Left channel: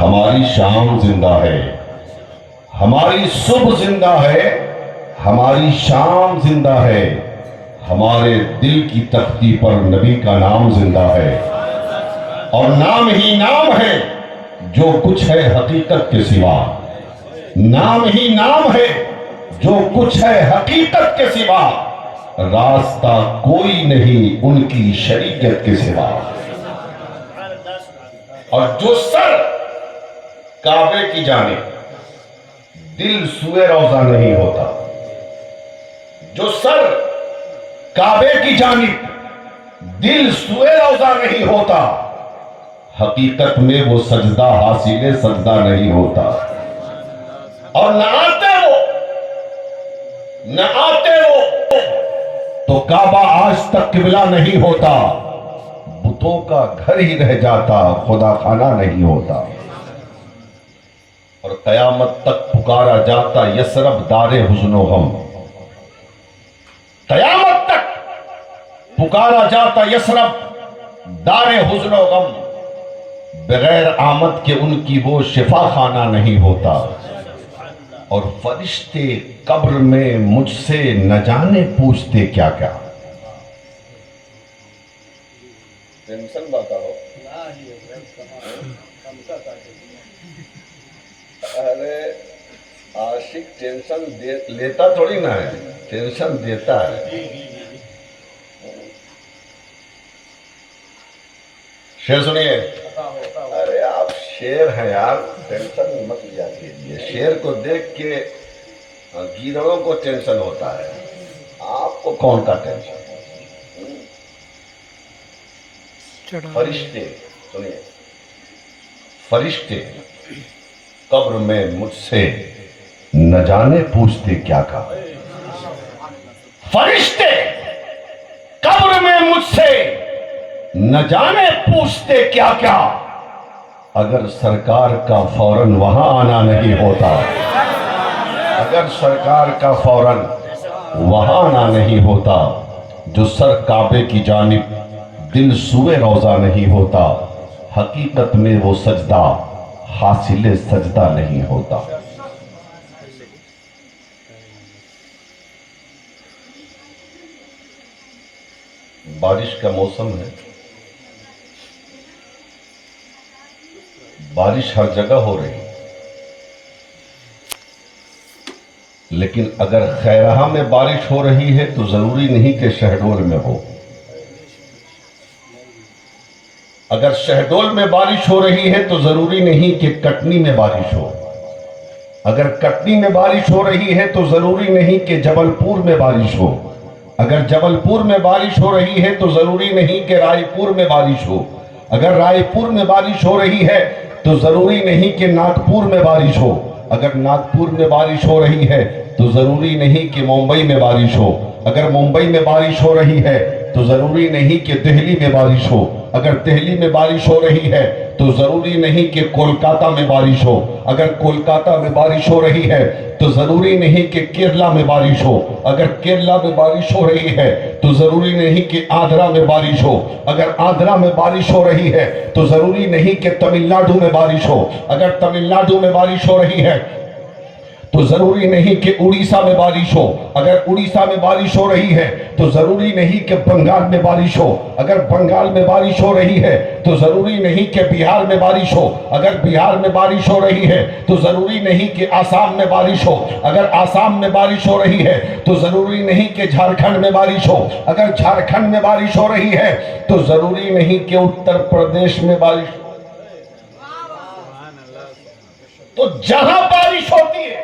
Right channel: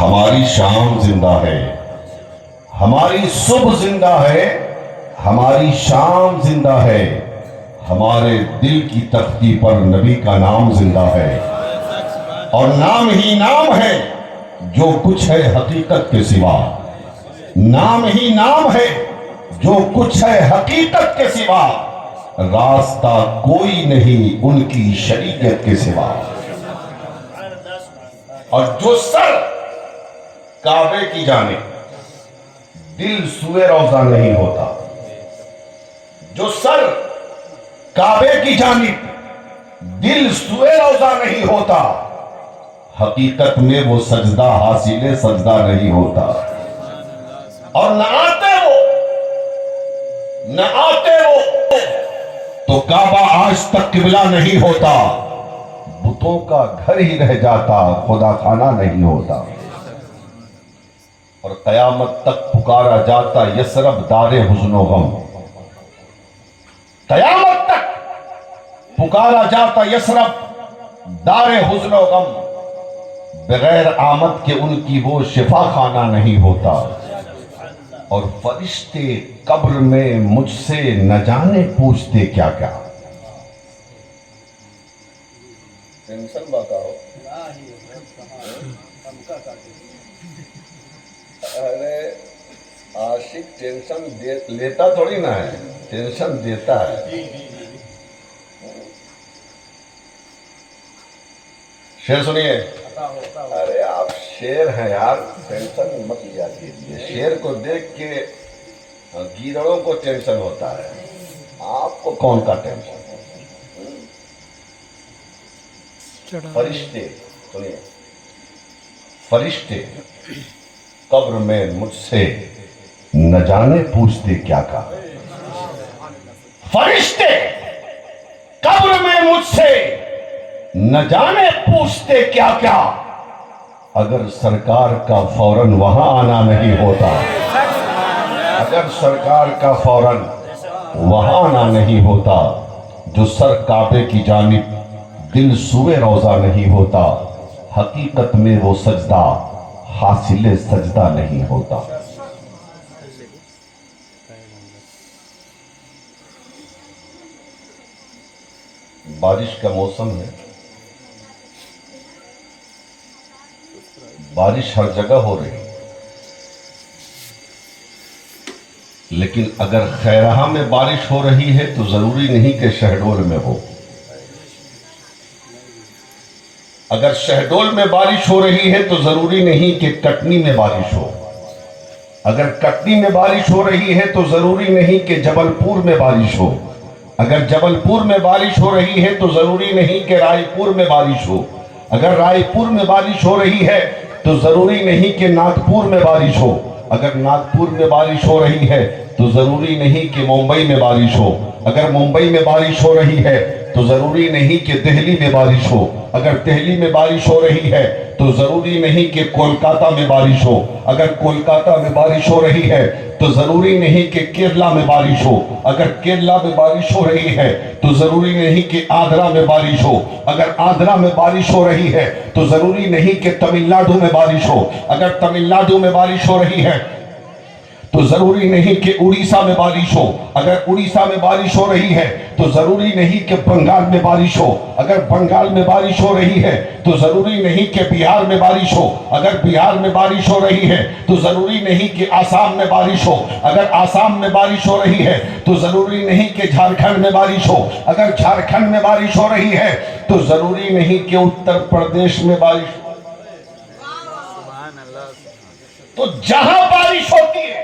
ہماری شام زندہ ہے، ہماری صبح زندہ ہے، ہماری شام زندہ ہے، ہمارے دل کی تختی پر نبی کا نام زندہ ہے، اور نام ہی نام ہے جو کچھ ہے حقیقت کے سوا، نام ہی نام ہے جو کچھ ہے حقیقت کے سوا، راستہ کوئی نہیں ان کی شریعت کے سوا، اور جو سر کعبے کی جانب دل سوئے روضہ نہیں ہوتا، جو سر کعبے کی جانب دل سوئے روضہ نہیں ہوتا، حقیقت میں وہ سجدہ حاصل سجدہ نہیں ہوتا، اور نہ آتے وہ تو کعبہ آج تک قبلہ نہیں ہوتا، بتوں کا گھر ہی رہ جاتا خدا خانہ نہیں ہوتا، اور قیامت تک پکارا جاتا یثرب دار حزن و غم، قیامت تک پکارا جاتا یثرب دار حزن و غم، بغیر آمد کے ان کی وہ شفا خانہ نہیں ہوتا، اور فرشتے قبر میں مجھ سے نہ جانے پوچھتے کیا کیا۔ ٹینشن باتا ہو ارے عاشق ٹینشن لیتا تھوڑی نہ ہے، ٹینشن دیتا ہے۔ شعر سنیے، ارے آپ شعر ہیں یار، ٹینشن مت لیا کیجیے، شعر کو دیکھ کے گیدڑوں کو ٹینشن ہوتا ہے، آپ کو کون کا ٹینشن؟ فرشتے سنیے، فرشتے قبر میں مجھ سے نہ جانے پوچھتے کیا کہا، فرشتے قبر میں مجھ سے نہ جانے پوچھتے کیا کیا، اگر سرکار کا فوراً وہاں آنا نہیں ہوتا، اگر سرکار کا فوراً وہاں آنا نہیں ہوتا، جو سر کعبے کی جانب دل سوئے روضہ نہیں ہوتا، حقیقت میں وہ سجدہ حاصل سجدہ نہیں ہوتا۔ بارش کا موسم ہے، بارش ہر جگہ ہو رہی، لیکن اگر خیرہاں میں بارش ہو رہی ہے تو ضروری نہیں کہ شہڈول میں ہو، اگر شہڈول میں بارش ہو رہی ہے تو ضروری نہیں کہ کٹنی میں بارش ہو، اگر کٹنی میں بارش ہو رہی ہے تو ضروری نہیں کہ جبل پور میں بارش ہو، اگر جبل پور میں بارش ہو رہی ہے تو ضروری نہیں کہ رائے پور میں بارش ہو، اگر رائے پور میں بارش ہو رہی ہے تو ضروری نہیں کہ ناگپور میں بارش ہو، اگر ناگپور میں بارش ہو رہی ہے تو ضروری نہیں کہ ممبئی میں بارش ہو، اگر ممبئی میں بارش ہو رہی ہے تو ضروری نہیں کہ دہلی میں بارش ہو، اگر دہلی میں بارش ہو رہی ہے تو ضروری نہیں کہ کولکاتہ میں بارش ہو، اگر کولکاتہ میں بارش ہو رہی ہے تو ضروری نہیں کہ کیرلا میں بارش ہو، اگر کیرلا میں بارش ہو رہی ہے تو ضروری نہیں کہ آندھرا میں بارش ہو، اگر آندھرا میں بارش ہو رہی ہے تو ضروری نہیں کہ تمل ناڈو میں بارش ہو، اگر تمل ناڈو میں بارش ہو رہی ہے تو ضروری نہیں کہ اڑیسہ میں بارش ہو، اگر اڑیسہ میں بارش ہو رہی ہے تو ضروری نہیں کہ بنگال میں بارش ہو، اگر بنگال میں بارش ہو رہی ہے تو ضروری نہیں کہ بہار میں بارش ہو، اگر بہار میں بارش ہو رہی ہے تو ضروری نہیں کہ آسام میں بارش ہو، اگر آسام میں بارش ہو رہی ہے تو ضروری نہیں کہ جھارکھنڈ میں بارش ہو، اگر جھارکھنڈ میں بارش ہو رہی ہے تو ضروری نہیں کہ اتر پردیش میں بارش ہو۔ تو جہاں بارش ہوتی ہے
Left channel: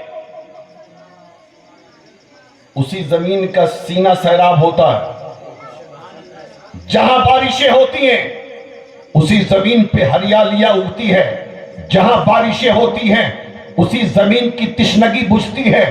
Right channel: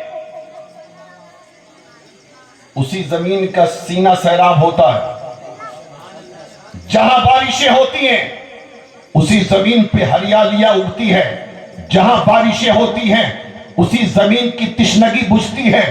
اسی زمین کا سینہ سیراب ہوتا ہے، جہاں بارشیں ہوتی ہیں اسی زمین پہ ہریالیاں اگتی ہے، جہاں بارشیں ہوتی ہیں اسی زمین کی تشنگی بجھتی ہے،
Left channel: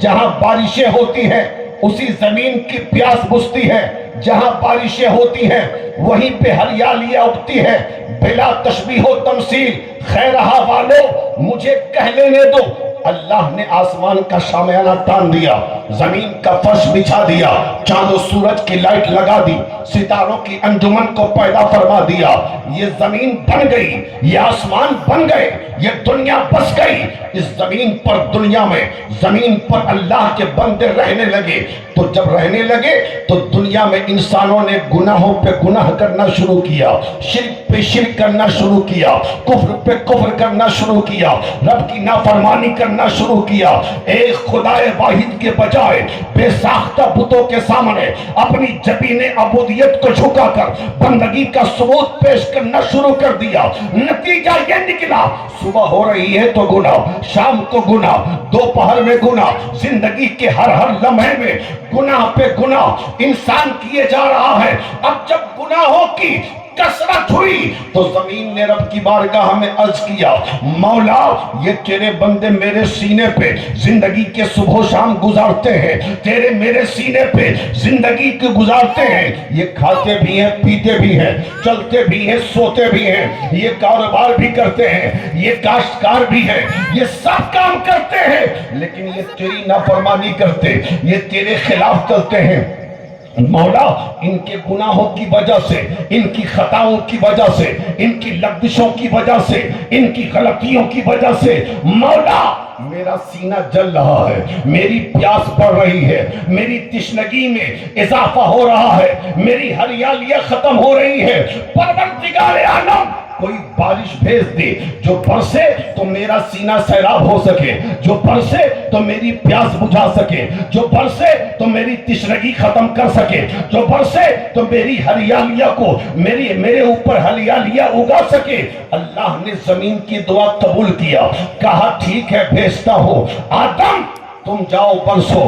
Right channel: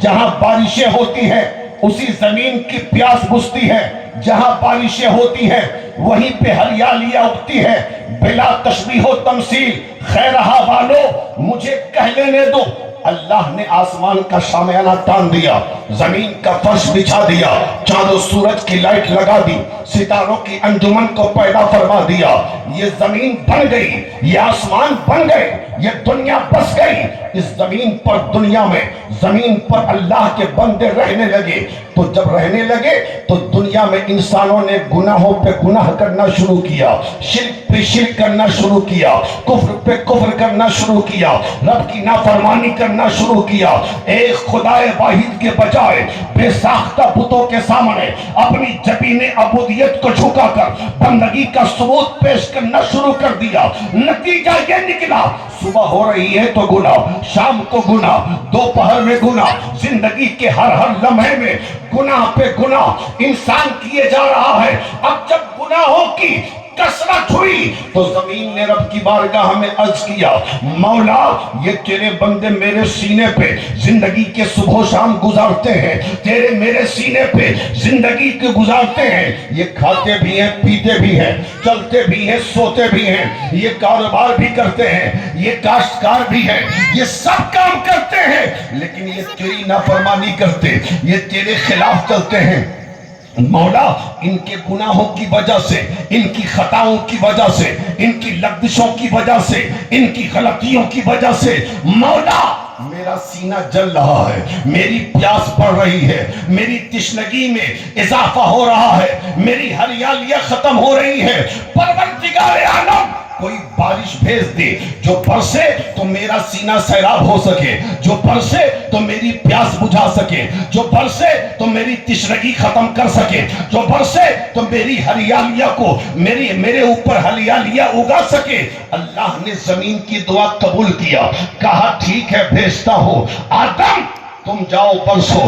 جہاں بارشیں ہوتی ہیں اسی زمین کی پیاس بجھتی ہے، جہاں بارشیں ہوتی ہیں وہیں پہ ہریالیاں اگتی ہے۔ بلا تشبیہ و تمثیل خیرہاں والو مجھے کہہ لینے دو، اللہ نے آسمان کا شامیانہ تان دیا، زمین کا فرش بچھا دیا، چاند و سورج کی لائٹ لگا دی، ستاروں کی انجمن کو پیدا فرما دیا، یہ زمین بن گئی، یہ آسمان بن گئے، یہ دنیا بس گئی۔ اس زمین پر، دنیا میں، زمین پر اللہ کے بندے رہنے لگے۔ تو جب رہنے لگے تو دنیا میں انسانوں نے گناہوں پہ گناہ کرنا شروع کیا، شرک پہ شرک کرنا شروع کیا، کفر پہ کفر کرنا شروع کیا، رب کی نافرمانی کرنا شروع کیا، ایک خدا واحد کے بجائے بے ساختہ بتوں کے سامنے اپنی جبین عبودیت کو جھکا کر بندگی کا ثبوت پیش کرنا شروع کر دیا۔ نتیجہ یہ نکلا، صبح ہو رہی ہے تو گناہ، شام کو گناہ، دوپہر میں گناہ، زندگی کے ہر لمحے میں گناہ پہ گناہ انسان کیے جا رہا ہے۔ اب جب گناہوں کی کثرت ہوئی تو زمین نے رب کی بارگاہ میں عرض کیا، مولا یہ تیرے بندے میرے سینے پہ زندگی کے صبح و شام گزارتے ہیں، تیرے میرے سینے پہ زندگی کی گزارتے ہیں، یہ کھاتے بھی ہیں، پیتے بھی ہیں، چلتے بھی ہیں، سوتے بھی ہیں، یہ کاروبار بھی کرتے ہیں، یہ کاشتکار بھی ہیں، یہ سب کام کرتے ہیں، لیکن یہ تیری نافرمانی کرتے، یہ تیرے خلاف چلتے ہیں۔ مولا ان کے گناہوں کی وجہ سے، ان کی خطاؤں کی وجہ سے، ان کی لغزشوں کی وجہ سے، ان کی غلطیوں کی وجہ سے مولا میرا سینہ جل رہا ہے، میری پیاس بڑھ رہی ہے، میری تشنگی میں اضافہ ہو رہا ہے، میری ہریالیاں ختم ہو رہی ہے۔ پروردگار عالم کوئی بارش بھیج دے جو برسے تو میرا سینہ سیراب ہو سکے، جو برسے تو میری پیاس بجھا سکے، جو برسے تو میری تشنگی ختم کر سکے، جو برسے تو میری ہریالیاں کو میرے اوپر ہریالیاں اگا سکے۔ اللہ نے زمین کی دعا قبول کیا، کہا ٹھیک ہے بھیجتا ہو، آدم تم جاؤ برسو،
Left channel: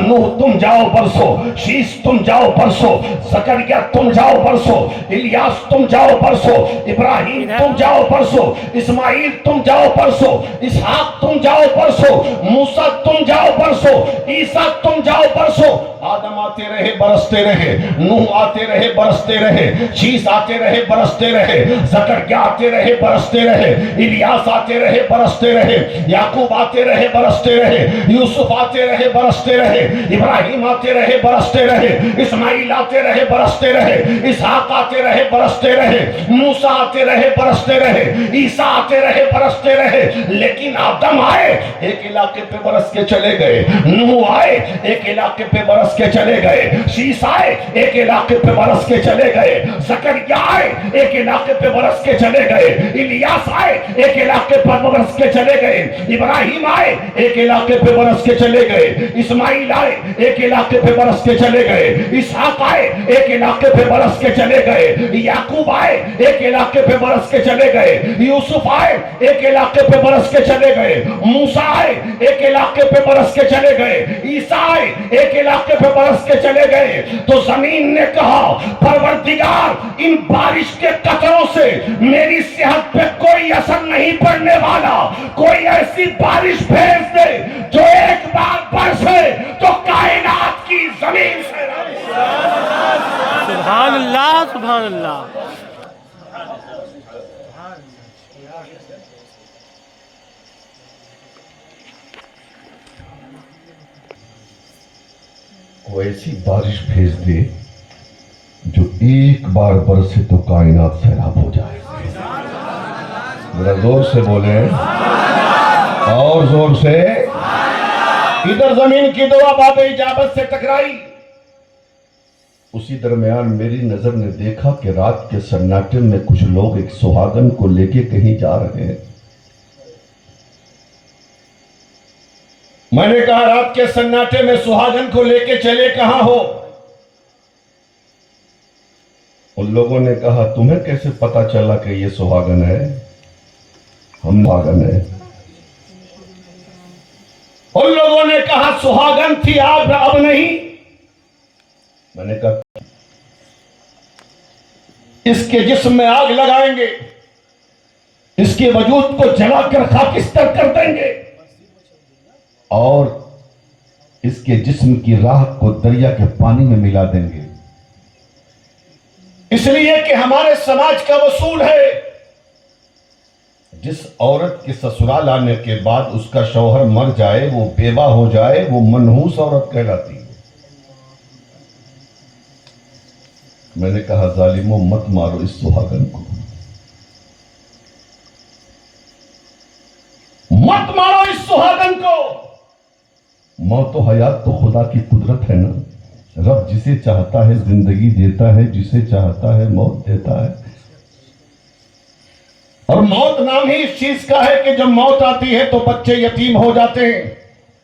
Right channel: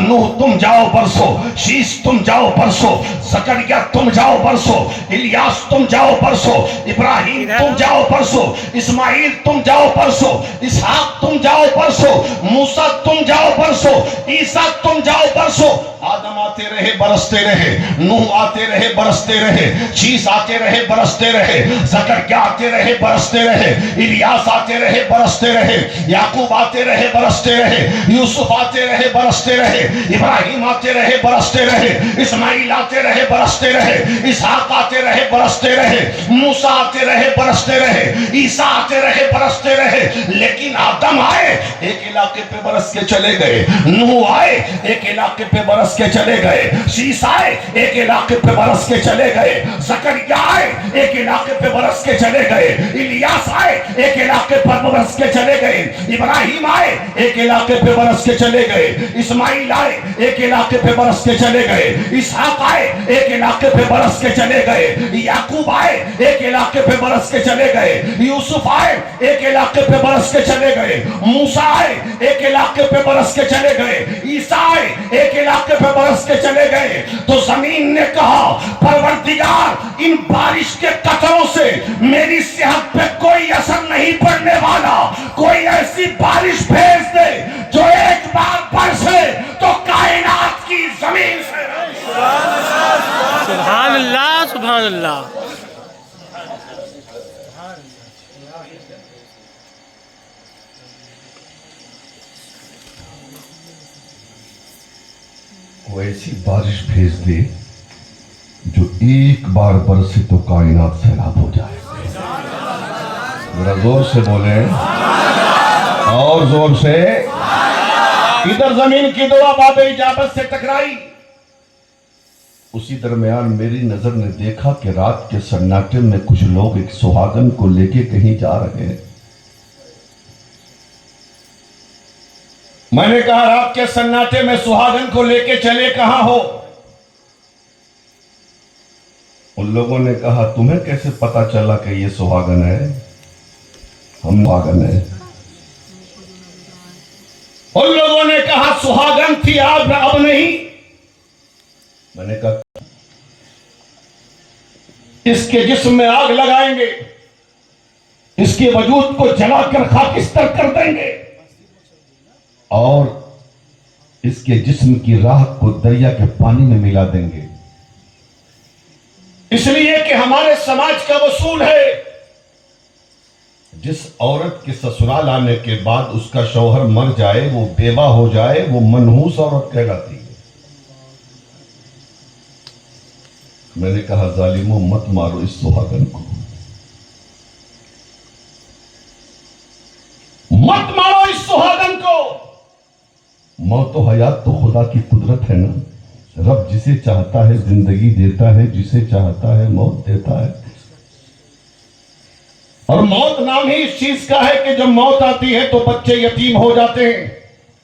نوح تم جاؤ برسو، شیش تم جاؤ برسو، زکریا تم جاؤ برسو، الیاس تم جاؤ برسو، ابراہیم تم جاؤ برسو، اسماعیل تم جاؤ برسو، اسحاق تم جاؤ برسو، موسیٰ تم جاؤ برسو، عیسیٰ تم جاؤ برسو۔ آدم آتے رہے برستے رہے، نوح آتے رہے برستے رہے، شیش آتے رہے برستے رہے، زکریا آتے رہے برستے رہے، الیاس آتے رہے برستے رہے، یعقوب آتے رہے برستے رہے، یوسف آتے رہے برستے رہے، ابراہیم آتے رہے برستے رہے، اسماعیل آتے رہے برستے رہے، اسحاق آتے رہے برستے رہے، موسیٰ آتے رہے برستے رہے، عیسیٰ آتے رہے برستے رہے، لیکن آدم آئے ایک علاقے پہ برس کے چلے گئے، نوح آئے ایک علاقے پہ برس کے چلے گئے، شیش آئے ایک علاقے پہ برس کے چلے گئے، زکریا آئے ایک علاقے پہ برس کے چلے گئے، الیاس آئے ایک علاقے پر برس کے چلے گئے، ابراہیم آئے ایک علاقے پہ برس کے چلے گئے، اسماعیل آئے ایک علاقے پہ برس کے چلے گئے، اسحاق آئے ایک علاقے پہ برس کے چلے گئے، یعقوب آئے ایک علاقے پہ برس کے چلے گئے، یوسف آئے ایک علاقے پہ برس کے چلے گئے، موسیٰ آئے ایک علاقے پہ برس کے چلے گئے، عیسیٰ آئے ایک علاقے پہ برس کے چلے گئے۔ تو زمین نے کہا پروردگار ان بارش کے قطروں سے میری صحت پہ کوئی اثر نہیں پڑنے والا، کوئی ایسی بارش بھیج دے جو ایک بار برسے تو کائنات کی زمین سے۔ سبحان اللہ سبحان اللہ۔ وہ ایسی بارش بھیج دے جو ایک بار برسے تو کائنات سیراب ہو جائے۔ ذرا زور سے بولیں اور زور سے۔ ادھر زمین کی دعا باب اجابت سے ٹکرائی، اسی درمیان میری نظر نے دیکھا کہ رات کے سناٹے میں کچھ لوگ ایک سہاگن کو لے کے کہیں جا رہے ہیں۔ میں نے کہا رات کے سناٹے میں سہاگن کو لے کے چلے کہاں ہو؟ ان لوگوں نے کہا تمہیں کیسے پتا چلا کہ یہ سہاگن ہے؟ ہم سہاگن ہے۔ ان لوگوں نے کہا سہاگن تھی اب نہیں۔ میں نے کہا اس کے جسم میں آگ لگائیں گے، اس کے وجود کو جلا کر خاکستر کر دیں گے اور اس کے جسم کی راہ کو دریا کے پانی میں ملا دیں گے، اس لیے کہ ہمارے سماج کا اصول ہے جس عورت کے سسرال آنے کے بعد اس کا شوہر مر جائے، وہ بیوہ ہو جائے، وہ منحوس عورت کہلاتی ہے۔ میں نے کہا ظالموں مت مارو اس سہاگن کو، مت مارو اس سہاگن کو۔ موت و حیات تو خدا کی قدرت ہے نا، رب جسے چاہتا ہے زندگی دیتا ہے، جسے چاہتا ہے موت دیتا ہے۔ اور موت نام ہی اس چیز کا ہے کہ جب موت آتی ہے تو بچے یتیم ہو جاتے ہیں،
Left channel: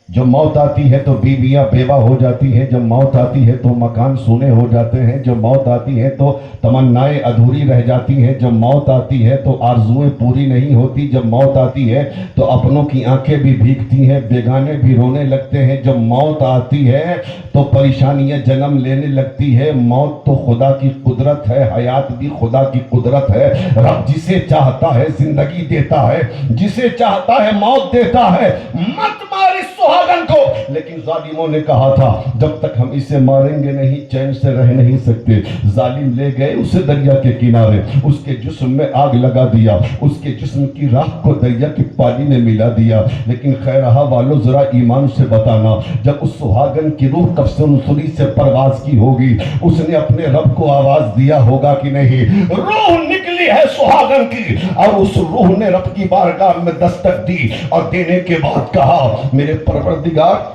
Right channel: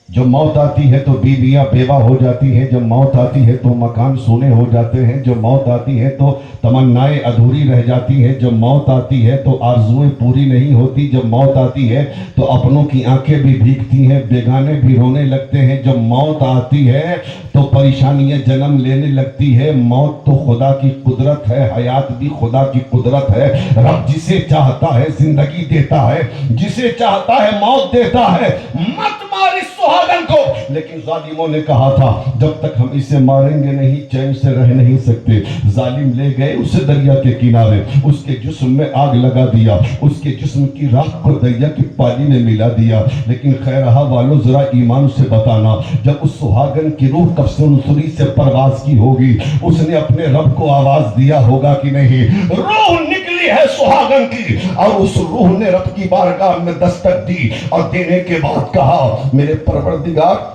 جب موت آتی ہے تو بیویاں بیوہ ہو جاتی ہیں، جب موت آتی ہے تو مکان سونے ہو جاتے ہیں، جب موت آتی ہے تو تمنائیں ادھوری رہ جاتی ہیں، جب موت آتی ہے تو آرزویں پوری نہیں ہوتی، جب موت آتی ہے تو اپنوں کی آنکھیں بھی بھیگتی ہیں، بیگانے بھی رونے لگتے ہیں، جب موت آتی ہے تو پریشانیاں جنم لینے لگتی ہے۔ موت تو خدا کی قدرت ہے، حیات بھی خدا کی قدرت ہے۔ رب جسے چاہتا ہے زندگی دیتا ہے، جسے چاہتا ہے موت دیتا ہے۔ مت مار اس سہاگن کو۔ لیکن ظالموں نے کہا تھا جب تک ہم اسے ماریں گے نہیں چین سے رہ نہیں سکتے۔ ظالم لے گئے اسے دریا کے کنارے، اس کے جسم میں آگ لگا دیا، اس کے جسم کی راکھ کو دریا کے پانی میں ملا دیا۔ لیکن خیرہا والو ذرا ایمان سے بتانا، جب اس سہاگن کی روح قبض نصری سے پرواز کی ہوگی، اس نے اپنے رب کو آواز دیا ہوگا کہ نہیں؟ روح نکلی ہے سہاگن کی، اور اس روح نے رب کی بارگاہ میں دستک دی اور دینے کے بعد کہا میرے پروردگار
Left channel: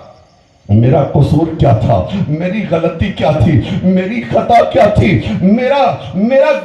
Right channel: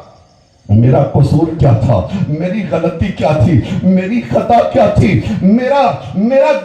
میرا قصور کیا تھا، میری غلطی کیا تھی، میری خطا کیا تھی، میرا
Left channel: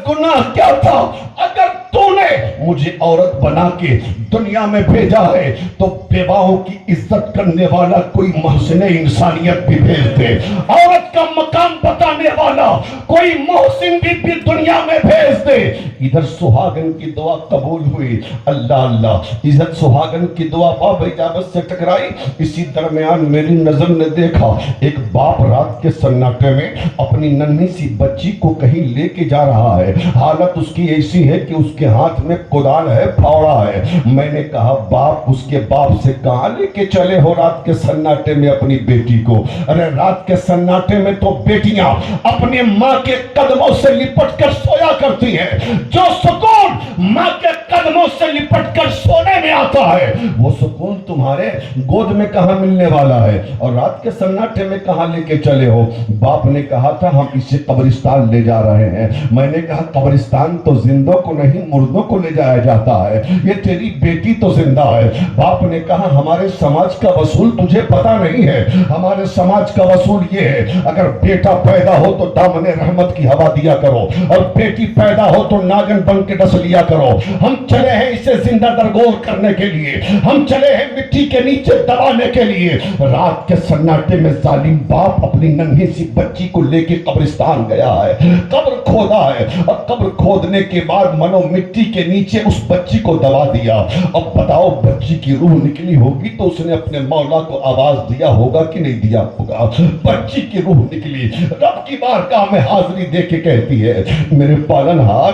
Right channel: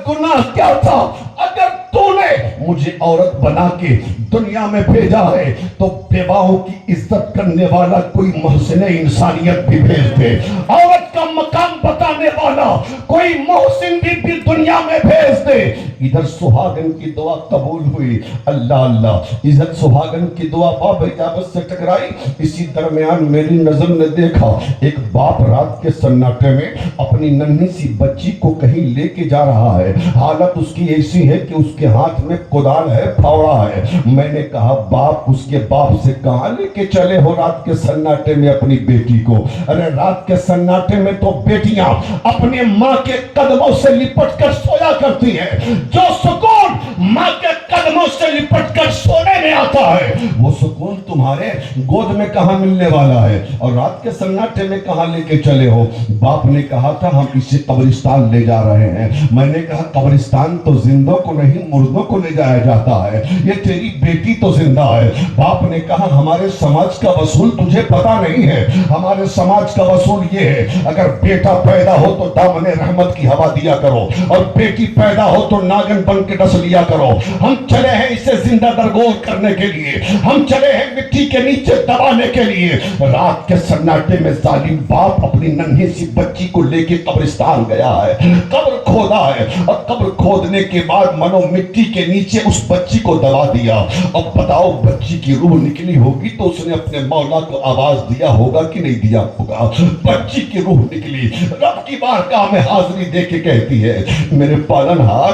گناہ کیا تھا؟ اگر تو نے مجھے عورت بنا کے دنیا میں بھیجا ہے تو بیواؤں کی عزت کرنے والا کوئی محسن انسانیت بھی بھیج دے، عورت کا مقام بتانے والا کوئی محسن بھی دنیا میں بھیج دے۔ ادھر سہاگن کی دعا قبول ہوئی، اللہ اللہ، ادھر سہاگن کی دعا باب اجابت سے ٹکرائی۔ اسی درمیان میری نظر نے دیکھا ایک باپ رات کے سناٹے میں اپنی ننھی سی بچی کو کہیں لے کے جا رہا ہے، حالت اس کی ایسی ہے کہ اس کے ہاتھ میں کدال ہے، پھاوڑا ہے۔ میں نے کہا باپ اس کے باپ سے کہاں لے کے چلے ہو رات کے سناٹے میں اپنی بیٹی کو؟ ارے رات کے سناٹے میں تو بیٹیاں اپنے ماں کے قدموں سے لپٹ کر سویا کرتی ہیں۔ جو سکون ماں کے قدموں سے لپٹ کر سونے میں آتا ہے وہ سکون تمہارے گود میں کہاں ملنے والا ہے؟ اور رات کے سناٹے میں کہاں لے کے چلے ہو؟ باپ نے کہا تھا ہم اسے قبرستان لے جا رہے ہیں۔ میں نے کہا قبرستان تو زندوں کو نہیں مردوں کو لے جایا جاتا ہے، یہ تیری بیٹی تو زندہ ہے۔ باپ نے کہا ہمارے سماج کا اصول تجھے پتا نہیں ہے، ہمارے سماج کا اصول یہ ہے اگر بیٹا پیدا ہو تو دامن رحمت کی ہوا دیا کرو، اور بیٹی پیدا ہو تو ناگن بن کے ڈس لیا کرو۔ ہم چلے ہیں اسے زندہ درگور کرنے کے لیے، ہم چلے ہیں مٹی کے نیچے دبانے کے لیے۔ رات کے سناٹے میں ظالم باپ اپنی ننھی سی بچی کو لے کے قبرستان گیا ہے، قبر کھودا ہے، اور قبر کھودنے کے بعد منو مٹی کے نیچے اس بچی کو دبا دیا۔ اب بتاؤ بچی کی روح نکلی ہوگی تو اس نے اپنے مولا کو آواز دیا ہوگا کہ نہیں دیا ہوگا؟ بچی کی روح نکلی، رب کی بارگاہ میں حاضری دے کے کہتی ہے میرے پالنہار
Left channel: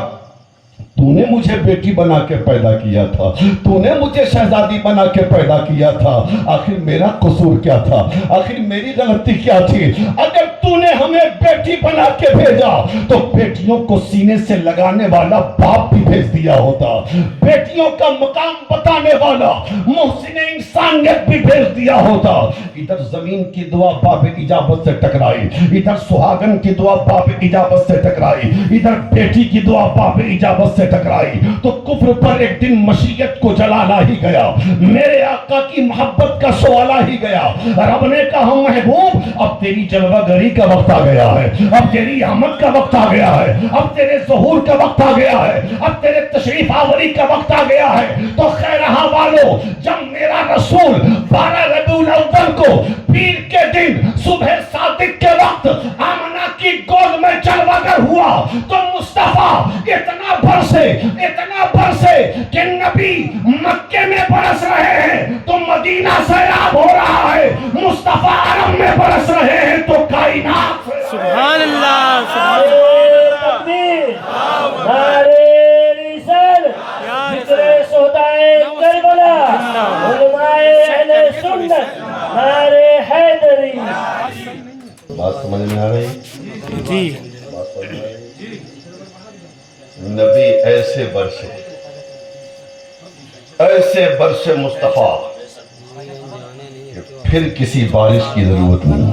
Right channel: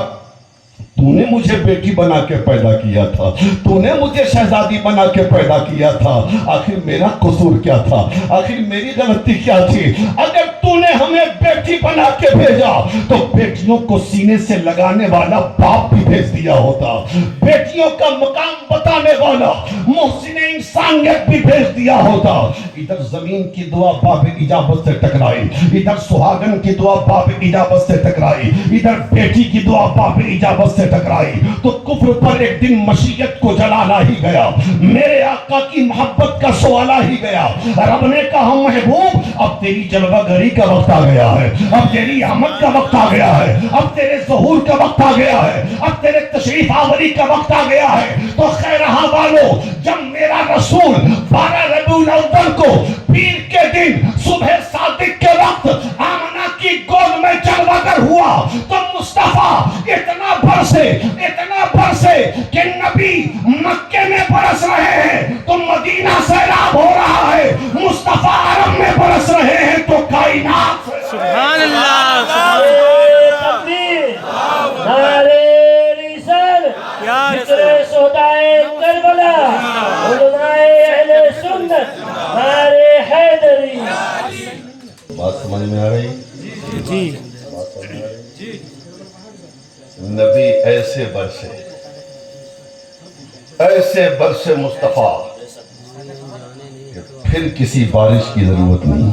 تو نے مجھے بیٹی بنا کے پیدا کیا تھا، تو نے مجھے شہزادی بنا کے پیدا کیا تھا، آخر میرا قصور کیا تھا؟ آخر میری غلطی کیا تھی؟ اگر تو نے ہمیں بیٹی بنا کے بھیجا تو بیٹیوں کو سینے سے لگانے والا باپ بھی بھیج دیا ہوتا، بیٹیوں کا مقام بتانے والا محسن انسانیت بھی بھیج دیا ہوتا۔ ادھر زمین کی دعا باب اجابت سے ٹکرائی، ادھر سہاگن کی دعا باب اجابت سے ٹکرائی، ادھر بیٹی کی دعا باب اجابت سے ٹکرائی، تو کفر پر ایک دن مشیت کو جلانا ہی گیا، میرے آقا کی محبت کا سوالا ہی گیا۔ رب نے کہا محبوب اب تیری جلوہ گری کا وقت آ گیا ہے، اب تیری آمد کا وقت آ گیا ہے، اب تیرے ظہور کا وقت آ گیا ہے، اب تیرے تشریف آوری کا وقت آ گیا ہے۔ تو خیرہا والو جب میرا رسول 12 ربیع الاول کو پیر کے دن صبح صادق کے وقت آمنہ کی گود میں جلوہ گر ہوا تو مصطفیٰ اتنا برسے کہ نبی مکے میں برس رہے ہیں تو مدینہ سیلاب ہو رہا ہے، مصطفیٰ عرب میں برس رہے ہیں تو کائنات سبحان اللہ، سبحان نعرے رسالت، ذکر شہدائے کربلا، علماء اہل سنت، نعرے حیدری۔ بات سمجھ میں آ رہی؟ جی نبی ایسے برسے ایسے برس مصطفیٰ کہ پھر کسی بارش کی ضرورت نہیں.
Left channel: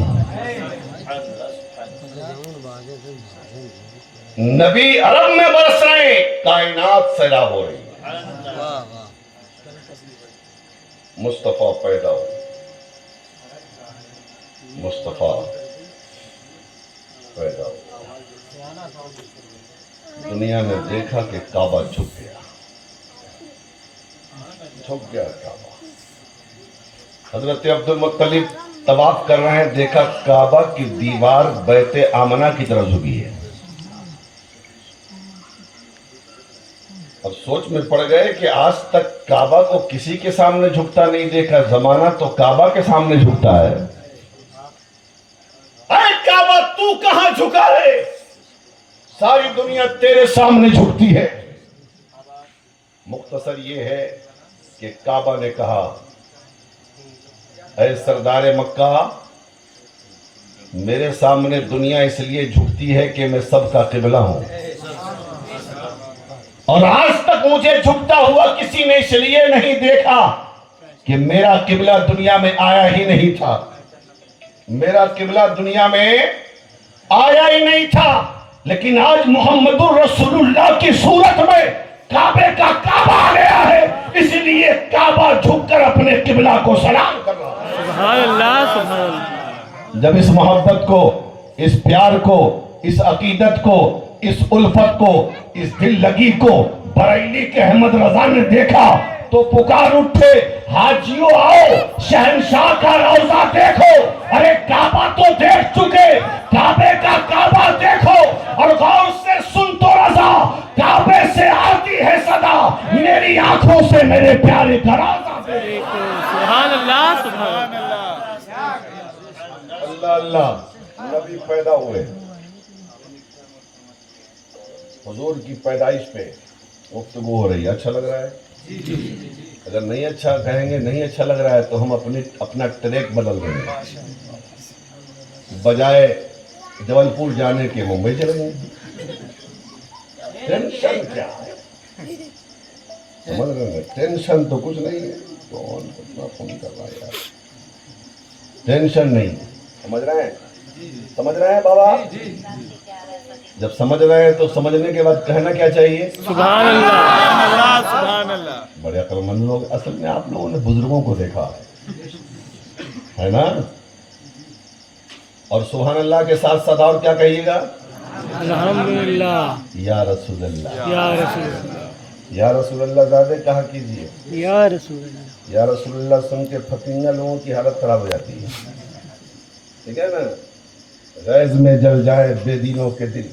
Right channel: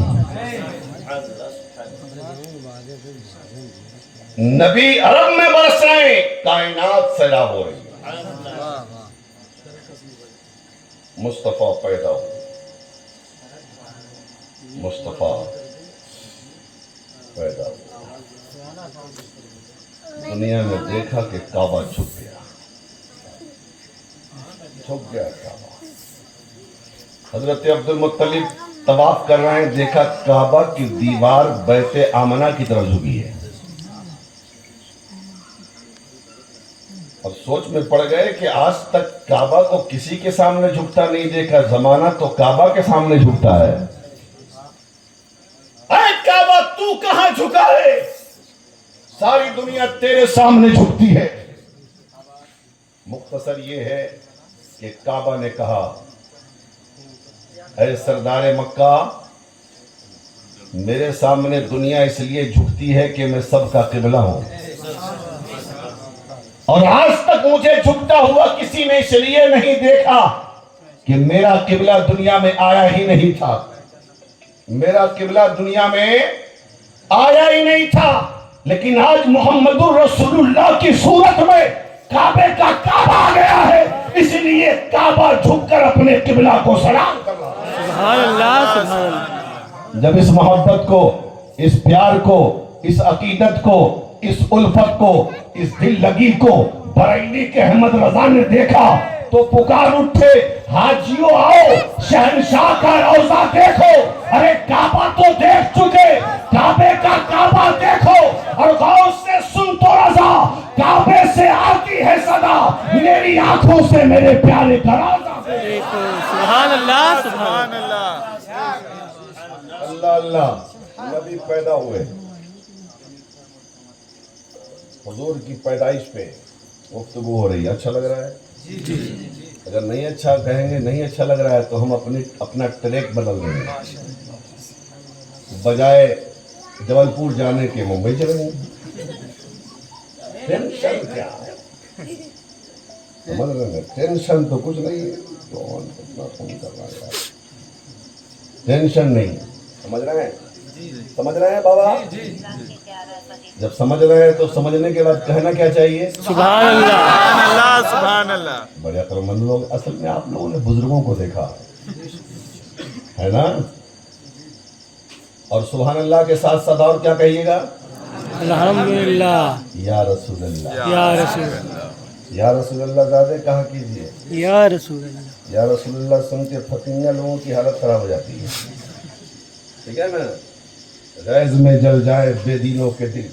نبی عرب میں برس رہے ہیں، کائنات سیراب ہو رہی. مصطفیٰ پیدا ہو، مصطفیٰ پیدا ہو. دنیا نے دیکھا کہ کعبہ جھک گیا، جھک گیا کعبہ. حضرت عبد المطلب طواف کر رہے ہیں، دیکھا کعبہ کی دیوار بیت آمنہ کی طرف جھکی ہے. اب سوچ میں پڑ گئے کہ آج تک کعبہ کو کسی کے سامنے جھکتا نہیں دیکھا، زمانہ تو کعبہ کے سامنے جھکتا ہے. اے کعبہ تو کہاں جھکا ہے؟ ساری دنیا تیرے سامنے جھکتی ہے. مختصر یہ ہے کہ کعبہ نے کہا اے سردار مکہ، میرے سامنے دنیا اس لیے جھکتی ہے کہ میں سب کا قبلہ ہوں، اور آج تک مجھے جھکتا ہوا کسی نے اس لیے نہیں دیکھا کہ میرا قبلہ دنیا میں آیا ہی نہیں تھا. میرا قبلہ دنیا میں آیا ہی نہیں تھا، لیکن آج محمد الرسول اللہ کی صورت میں کعبے کا کعبہ آ گیا ہے، اس لیے کعبہ جھک کر اپنے قبلہ کو سلام کر رہا ہے. سبحان اللہ سبحان اللہ. جب اس محبت کو، اس پیار کو، اس عقیدت کو، اس الفت کو، اس دل لگی کو بریلی کے احمد رضا نے دیکھا تو پکار اٹھے، حاجیوں آؤ، شہنشاہ کا روضہ دیکھو. ارے کعبہ تو دیکھ چکے، کعبے کا کعبہ دیکھو، اور غور سے سن تو رضا، کعبے سے آتی ہے صدا، میری آنکھوں سے میرے پیارے کا روضہ دیکھو. سبحان اللہ سبحان اللہ. اللہ اللہ. نبی پیدا ہوئے، حضور کی پیدائش پہ گفتگو ہو رہی ہے. اچھا لگ رہا ہے؟ اگر نہیں اچھا کہیں گے، نہیں اچھا لگ رہا ہے تو ہم اپنا ٹریک بدل رہے ہیں. بجائے جبل پور جانے کے ممبئی چلیں گے. ٹینشن کیا ہے؟ سمجھ رہے ہیں؟ ٹینشن تو کچھ نہیں ہے. کون کتنا فون کر رہا ہے یار؟ ٹینشن نہیں. سمجھ رہے ہیں؟ سمجھ رہے ہیں بابا؟ جب سمجھ رہے ہیں تو سمجھنے کے بعد کہنا کیا چاہیے؟ سبحان اللہ سبحان اللہ. بڑے عقل مند لوگ. اصل میں آپ لوگوں نے بزرگوں کو دیکھا ہے نا؟ اور سبحان اللہ کے ساتھ ساتھ اور کیا کہیے گا؟ الحمدللہ یا رسول اللہ. یا رسول اللہ. یا رسول اللہ زیادہ کہا کیجئے. یا رسول اللہ. یا رسول اللہ سن کے فتنگا لوگوں کی حالت خراب ہو جاتی ہے. ٹھیک ہے نا؟ غیظ میں جل جائے بے دینوں کے دل.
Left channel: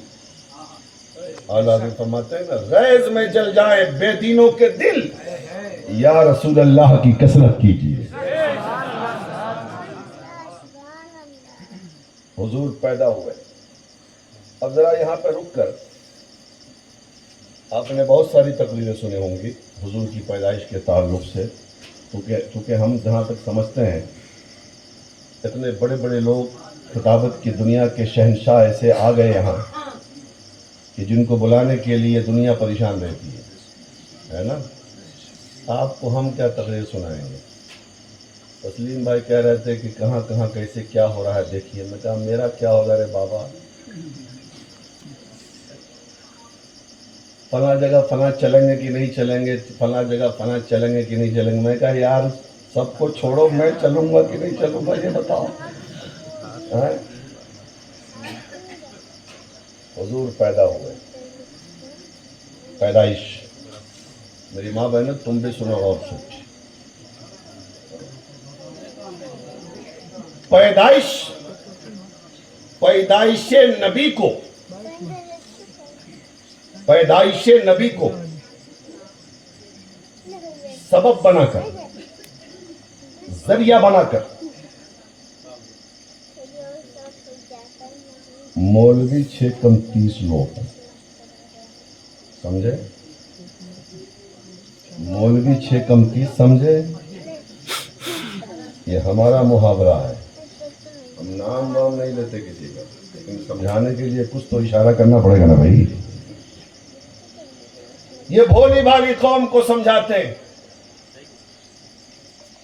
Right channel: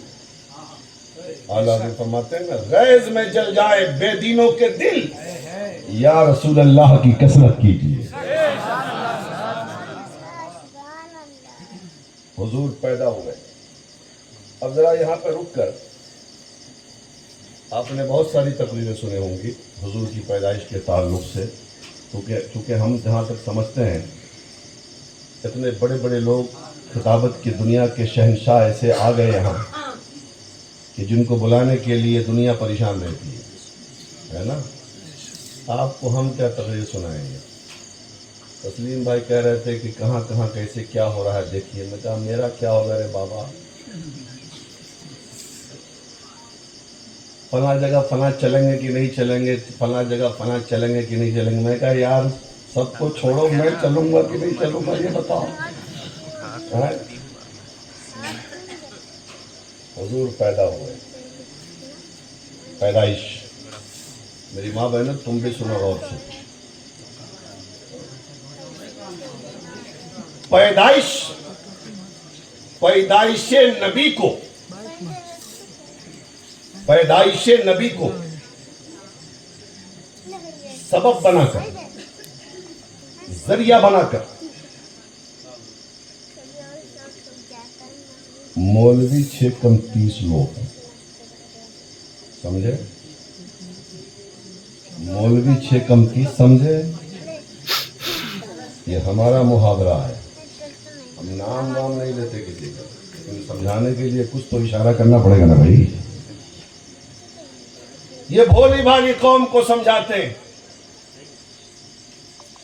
اعلیٰ فرماتے ہیں نا، غیظ میں جل جائے بے دینوں کے دل، یا رسول اللہ کی کثرت کیجیے. حضور پیدا ہوئے. اب ذرا یہاں پہ رک کر آپ نے بہت ساری تقریریں سنی ہوں گی حضور کی پیدائش کے تعلق سے، چونکہ ہم جہاں تک سمجھتے ہیں اتنے بڑے بڑے لوگ خطابت کی دنیا کے شہنشاہ ایسے آ گئے یہاں کہ جن کو بلانے کے لیے دنیا پریشان رہتی ہے نا. آپ کو ہم کیا تقریر سنائیں گے؟ تسلیم بھائی کہہ رہے تھے کہ کہاں کہاں کیسے کیا ہو رہا ہے دیکھیے. میں کہا میرا کیا ہوگا رے بابا، فلاں جگہ فلاں چلیں گے کہ نہیں چلیں گے، فلاں جگہ فلاں چلیں گے کہ نہیں چلیں گے. میں کہا یار سب کو چھوڑو، میں چلوں گا کہ نہیں چلوں گا یہ بتاؤ. حضور پیدا ہوئے. پیدائش میری ماں بہنوں تم بھی سنو غور سے. پیدائش نبی کو سبب بنا کر، ذریعہ بنا کر مولوی 6 کم 30 لوگ سمجھے؟ مولوی 6 کم 30 سمجھے؟ یہ ہمارا محاورہ ہے. ہم نام نہیں لیتے کسی کا، لیکن سمجھانے کے لیے کچھ تو اشارہ کرنا پڑے گا نا بھائی. یہ بھولی بھالی قوم کو سمجھاتے ہیں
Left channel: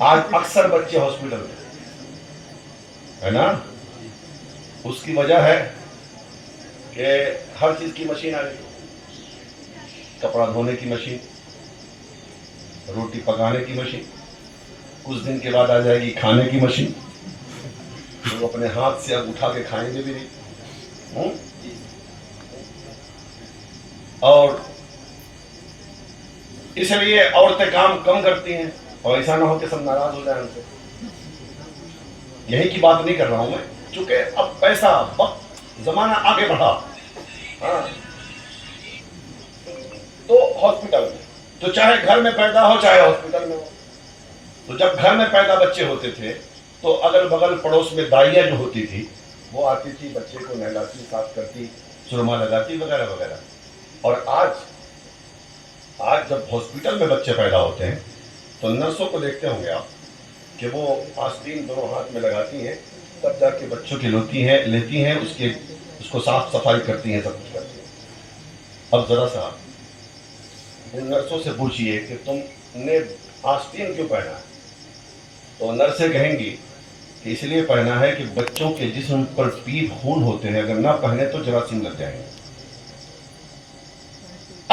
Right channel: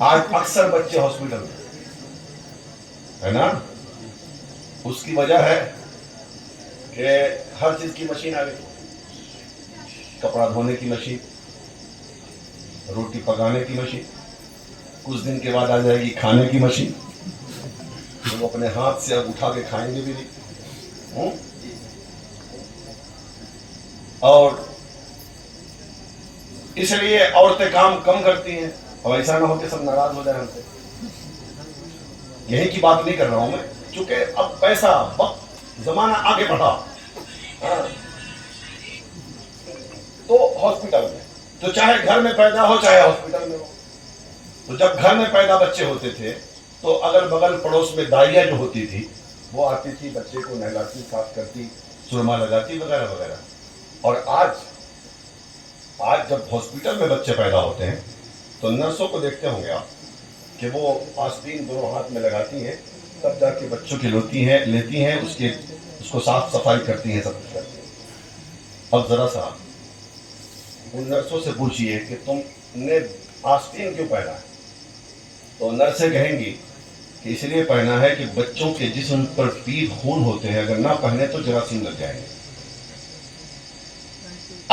آج اکثر بچے ہاسپٹل میں ہے نا. اس کی وجہ ہے کہ ہر چیز کی مشین آ گئی. کپڑا دھونے کی مشین, روٹی پکانے کی مشین, کچھ دن کے بعد آ جائے گی کھانے کی مشین. وہ اپنے ہاتھ سے اب اٹھا کے کھائیں گے بھی نہیں. اور اس لیے عورتیں کام کم کرتی ہیں, اور ایسا نہ ہو کہ سب ناراض ہو جائیں ان سے. یہی کی بات نہیں کر رہا ہوں میں, چونکہ اب پیسہ وقت زمانہ آگے بڑھا. تو ہاسپٹل میں تو چاہے گھر میں پیدا ہو چاہے ہاسپٹل میں ہو, تو جب گھر میں پیدا بچے ہوتے تھے تو اگل بغل پڑوس میں دائیاں جو ہوتی تھی وہ آتی تھی, بچے کو نہلاتی, صاف کرتی, سرما لگاتی وغیرہ وغیرہ. اور آج جب ہاسپٹل میں بچے پیدا ہوتے ہیں تو نرسوں کو دیکھتے ہوں گے آپ کہ وہ آستین دونوں ہاتھ میں لگاتی ہیں, تب جا کے بچوں کی لیتی ہیں اس کو صاف صفائی کرتی ہیں, سب کچھ کرتی ہیں. اب ذرا سا ان نرسوں سے پوچھئے کہ تم نے آستین کیوں پہنا ہے, تو نرسیں کہیں گی کہ اس لیے پہنا ہے کہ بچوں کے جسم پر پیر خون ہوتے ہیں, اگر نہ پہنے تو جراثیم لگ جائیں گے.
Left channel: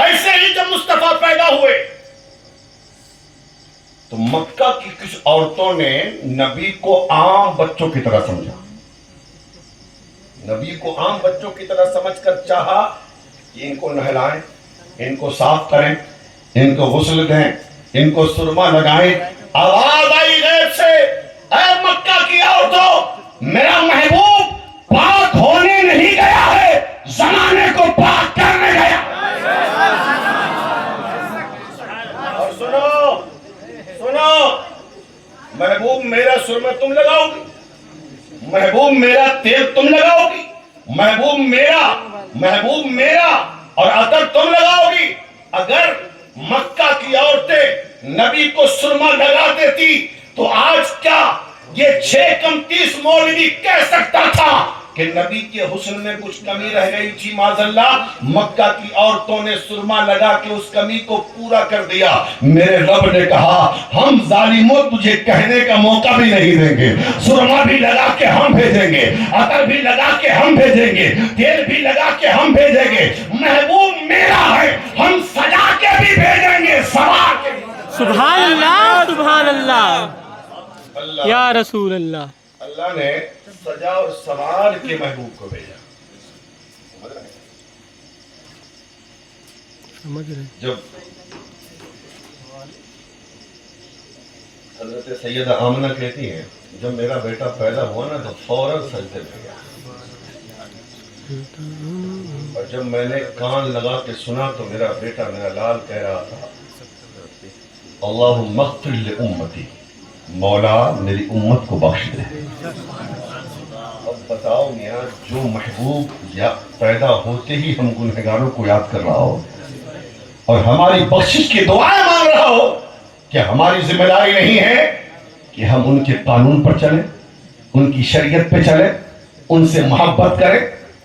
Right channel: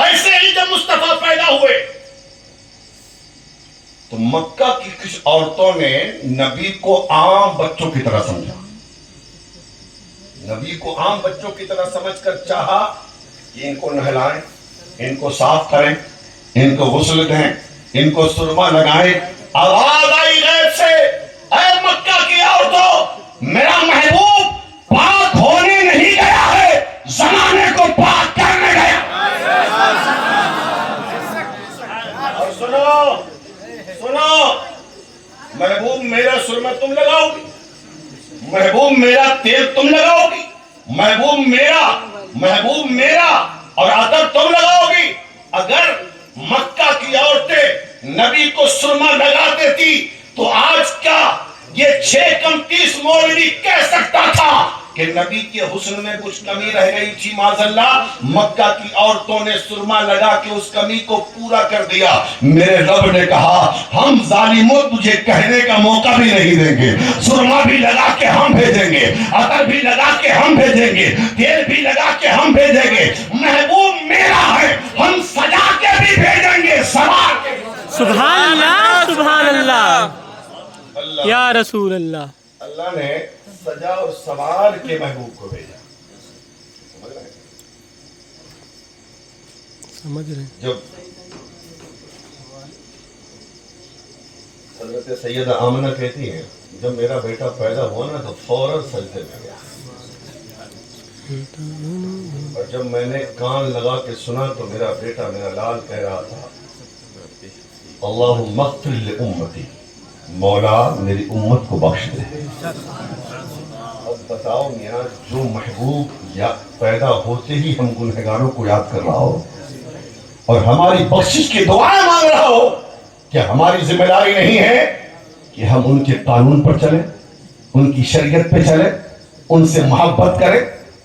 ایسے ہی جب مصطفیٰ پیدا ہوئے تو مکہ کی کچھ عورتوں نے نبی کو عام بچوں کی طرح سمجھا. نبی کو عام بچوں کی طرح سمجھ کر چاہا کہ ان کو نہلائیں, ان کو صاف کریں, ان کو غسل دیں, ان کو سرما لگائیں. آواز آئی غیب سے, اے مکہ کی عورتوں, میرا محبوب پاک ہونے نہیں گیا ہے, زمانے کو پاک کرنے گیا. اور سنو, محبوب میرا سرما تم لگاؤ گی, محبوب میرا تیل تم لگاؤ گی, محبوب میرا اور عطر تم لگاؤ گی. اگر مکہ کی عورتیں نبی کو سرما لگا دیتی تو آج کیا یہ 6 مولوی کہہ سکتا تھا کہ نبی کے حسن میں کچھ کمی رہ گئی تھی؟ معاذ اللہ, مکہ کی عورتوں نے سرما لگا کے اس کمی کو پورا کر دیا. میرے رب نے کہا ہم ظالموں تجھے کہنے کا موقع بھی نہیں دیں گے, سرما بھی لگا کے ہم بھیجیں گے, عطر بھی لگا کے ہم بھیجیں گے, تیل بھی لگا کے ہم بھیجیں گے. محبوب میرا ہے, ہم سجا کے بھی بھیجیں گے, سوا کے بھی. سبحان اللہ, سبحان اللہ, یا رسول اللہ. اللہ نے سجا اور سوار کے محبوب کو بھیجا. سمجھ رہے ہیں. جب حضرت سیدہ آمنہ کہتی ہیں جب میرا بیٹا پیدا ہوا نا تو فوراً سجدے میں گیا, اور جب میں نے کان لگا کے سنا تو میرا بیٹا, میرا لال کہہ رہا تھا اللہم اغفر لامتی, مولا میری امت کو بخش دے. اب بتاؤ میاں, جو محبوب یا پیدا ہوتے ہی ہم گنہگاروں کو یاد کر رہا ہو اور ہماری بخشش کی دعائیں مانگ رہا ہو, کیا ہماری ذمہ داری نہیں ہے کہ ہم ان کے قانون پر چلیں, ان کی شریعت پہ چلیں, ان سے محبت کریں,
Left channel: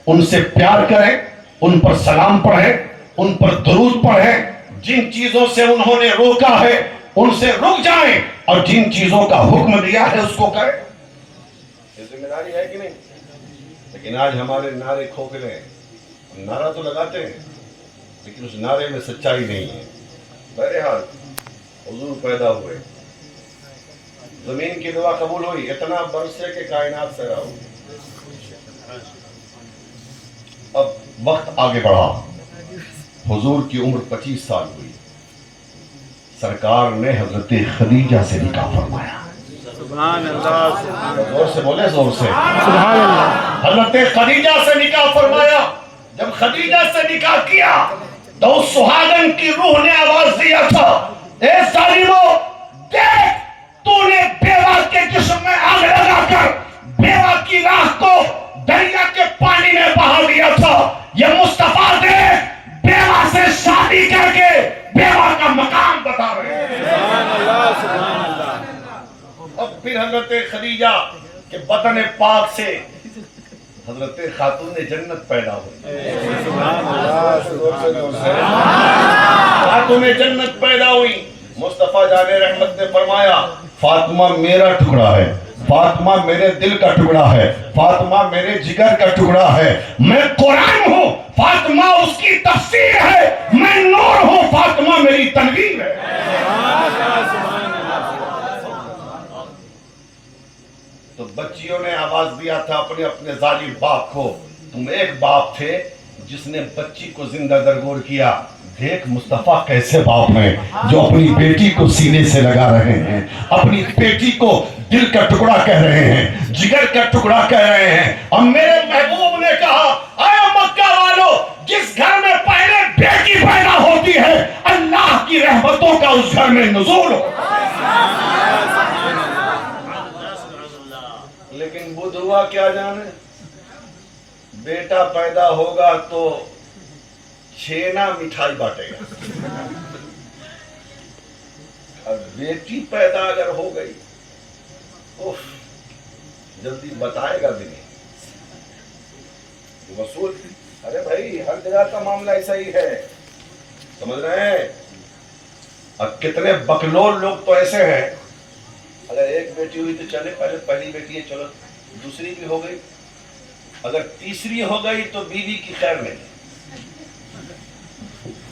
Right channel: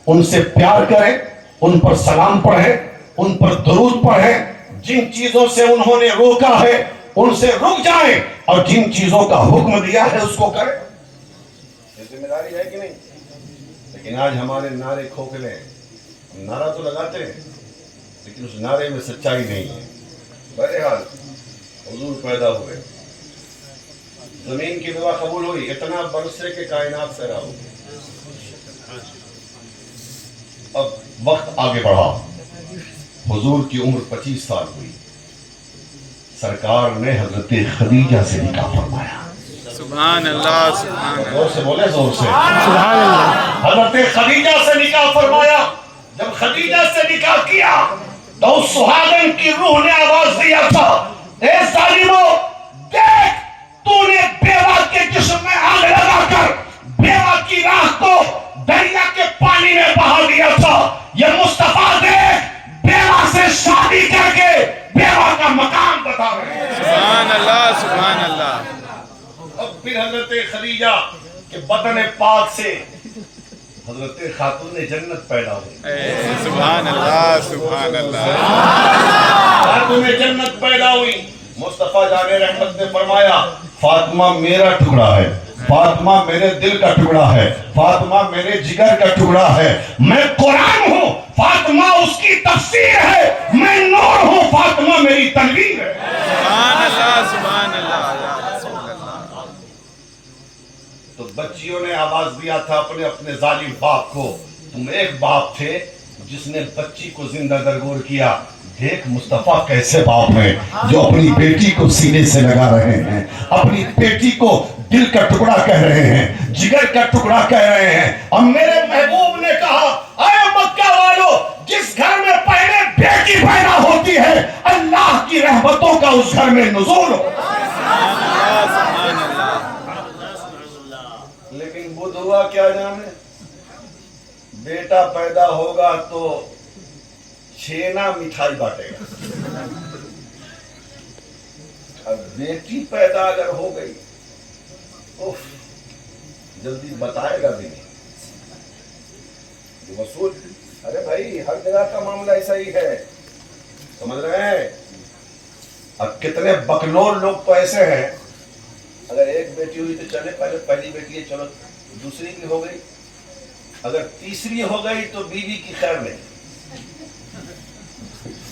ان سے پیار کریں, ان پر سلام پڑھیں, ان پر درود پڑھیں, جن چیزوں سے انہوں نے روکا ہے ان سے رک جائیں, اور جن چیزوں کا حکم دیا ہے اس کو کریں. یہ ذمہ داری ہے کہ نہیں؟ لیکن آج ہمارے نعرے کھوکھلے ہیں, نعرہ تو لگاتے ہیں لیکن اس نعرے میں سچائی نہیں ہے. بہرحال حضور پیدا ہوئے, زمین کی دعا قبول ہوئی, اتنا برسے کہ کائنات سیرا ہو. اب وقت آگے بڑھا, حضور کی عمر 25 سال ہوئی. سرکار نے حضرت خدیجہ سے نکاح فرمایا. سبحان اللہ, زور سے بولے, زور سے. سبحان اللہ. حضرت خدیجہ سے نکاح فرمایا. جب خدیجہ سے نکاح کیا تو اس سہاگن کی روح نے آواز دیا تھا, اے ظالمو, دیکھ تو نے بیوہ کے جسم میں آگ لگا کر بیوہ کی راہ کو دریا کے پانی میں بہا دیا تھا. یہ مصطفیٰ دیکھ بیوہ سے شادی کر کے بیوہ کا مقام بتا رہے ہیں. سبحان اللہ, سبحان اللہ. اب پھر حضرت خدیجہ کے بدن پاک سے حضرت خاتون جنت پیدا ہوئی. سبحان اللہ, سبحان اللہ. خاتون جنت پیدا ہوئی. مصطفیٰ جان رحمت نے فرمایا فاطمہ میرا ٹکڑا ہے، فاطمہ میرے دل کا ٹکڑا ہے، فاطمہ میرے جگر کا ٹکڑا ہے، میں قرآن ہوں، فاطمہ اس کی تفسیر ہے، میں نور ہوں، فاطمہ میری تنویر ہے۔ سبحان اللہ سبحان اللہ۔ تو بچیوں نے آواز دیا تھا اپنے اپنے ظالم باپ کو، تم ایک باپ تھے جس نے بچی کو زندہ درگور کیا، دیکھ مصطفیٰ کیسے باپ ہیں جو اپنی بیٹی کو سینے سے لگا رہے ہیں، اپنی بیٹی کو دل کا ٹکڑا کہہ رہے ہیں، جگر کا ٹکڑا کہہ رہے ہیں۔ اور میرے محبوب نے کہا اے مکہ والو، جس گھر میں پہلے بیٹی پیدا ہوتی ہے اللہ کی رحمتوں کا اس گھر میں نزول ہو۔ لیکن بدھ ہوا کیا جانے، بیٹا پیدا ہوگا تو چھینا مٹھائی بانٹے گا، اور بیٹی پیدا اگر ہو گئی اوف، جلدی بتائے گا بھی نہیں، جو وصول ارے بھائی ہر جگہ کا معاملہ ایسا ہی ہے، سمجھ رہے ہیں؟ اب کتنے بکلور لوگ تو ایسے ہیں، اگر ایک بیٹی ہوئی تو چلے پہلی بیٹی ہے، چلو دوسری بھی ہو گئی، اگر تیسری ہو گئی تو بیوی کی خیر نہیں۔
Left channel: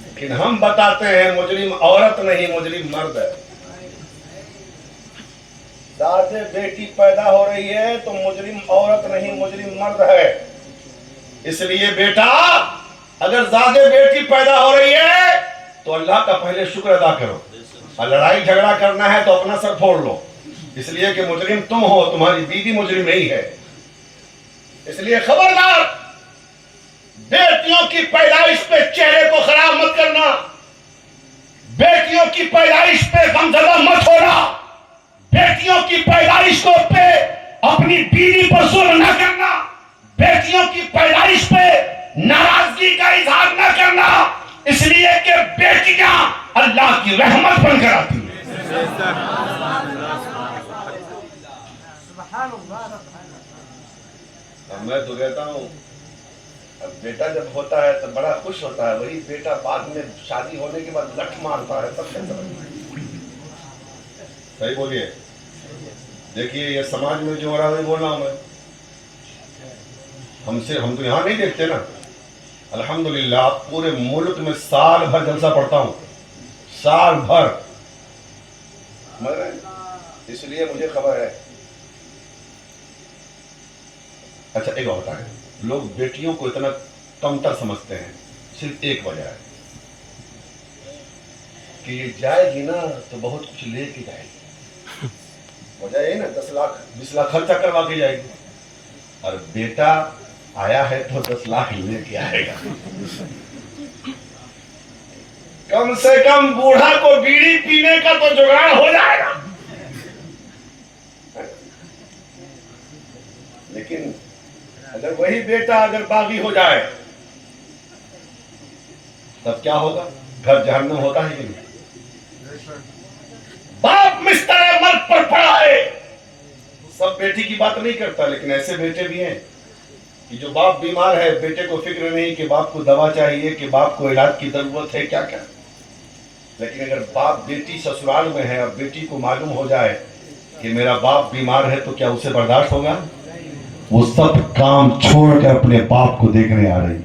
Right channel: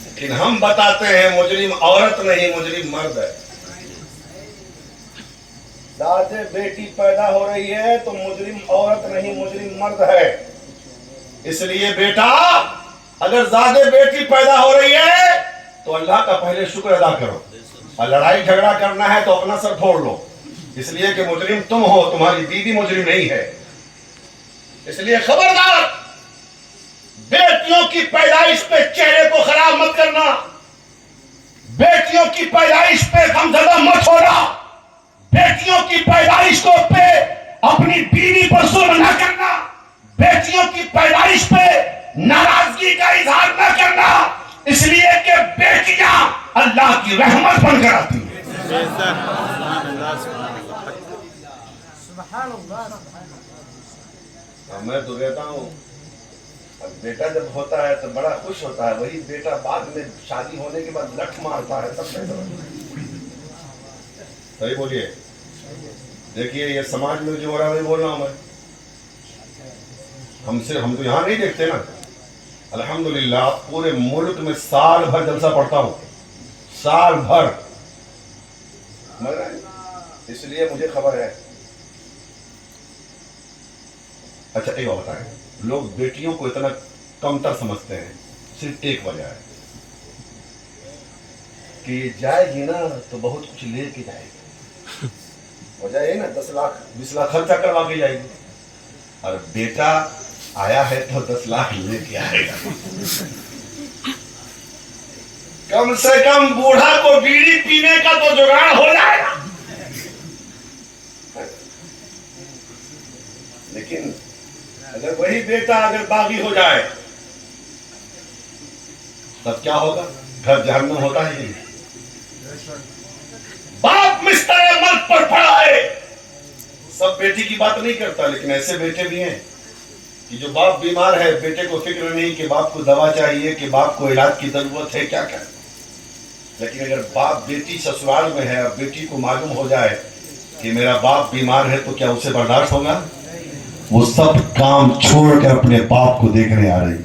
لیکن ہم بتاتے ہیں مجرم عورت نہیں، مجرم مرد ہے۔ زیادہ بیٹی پیدا ہو رہی ہے تو مجرم عورت نہیں، مجرم مرد ہے۔ اس لیے بیٹا اگر زیادہ بیٹی پیدا ہو رہی ہے تو اللہ کا پہلے شکر ادا کرو، اور لڑائی جھگڑا کرنا ہے تو اپنا سر پھوڑ لو، اس لیے کہ مجرم تم ہو، تمہاری بیوی مجرم نہیں ہے۔ اس لیے خبردار، بیٹیوں کی پیدائش پہ چہرے کو خراب مت کرنا، بیٹیوں کی پیدائش پہ غمزدہ مت ہونا، بیٹیوں کی پیدائش کو پہ اپنی بیوی پر ظلم نہ کرنا، بیٹیوں کی پیدائش پہ ناراضگی کا اظہار نہ کرنا، اس لیے کہ بیٹیاں اللہ کی رحمت بن کر آتی ہیں۔ میں تو کہتا ہوں بیٹا جب ہوتا ہے تو بڑا خوش ہوتا ہے، وہی بیٹا بعد میں شادی ہونے کے بعد لٹ مارتا ہے، سب کہتا ہے صحیح بولیے۔ دیکھیے یہ سماج میں جو ہو رہا ہے وہی بول رہا ہوں میں، ہم تو یہاں نہیں دیکھتے نا، الحمدللہ پورے ملک میں سال بھر جلسہ پڑھتا ہوں، سال بھر، اس لیے مجھے خبر ہے۔ اچھا ایک بات ہے، لوگ بیٹیوں کو اتنا کمتر سمجھتے ہیں، صرف ایک وجہ ہے کہ یہ جائے گی نا تو بہت کچھ لے کے جائے گی، وجہ یہ نا 10 لاکھ 20 لاکھ خرچہ کروا کے جائے گی، اور بیٹا آیا ہے تو 10 لاکھ لے کے آئے گا۔ کم سے کم بوڑھا کو بیڑی پینے کا تو جگاڑ ہو جائے گا، لیکن اگر وہی بیٹا اگر باغی ہو جائے تب کیا ہوگا؟ گھر جہنم ہوتا ہے کہ نہیں؟ باپ مستر مرد پر پڑا ہے، سب بیٹی کی بات نہیں کرتا، لیکن ایسے بیٹے بھی ہیں کہ جو باپ بیمار ہے بیٹے کو فکر نہیں کہ باپ کو دوا چاہیے، کہ باپ کو علاج کی ضرورت ہے، کیا کیا۔ لیکن اگر باپ بیٹی سسرال میں ہے اور بیٹی کو معلوم ہو جائے کہ میرا باپ بیمار ہے تو کیا اسے برداشت ہوگا؟ وہ سب کام چھوڑ کر اپنے باپ کو دیکھنے آ رہی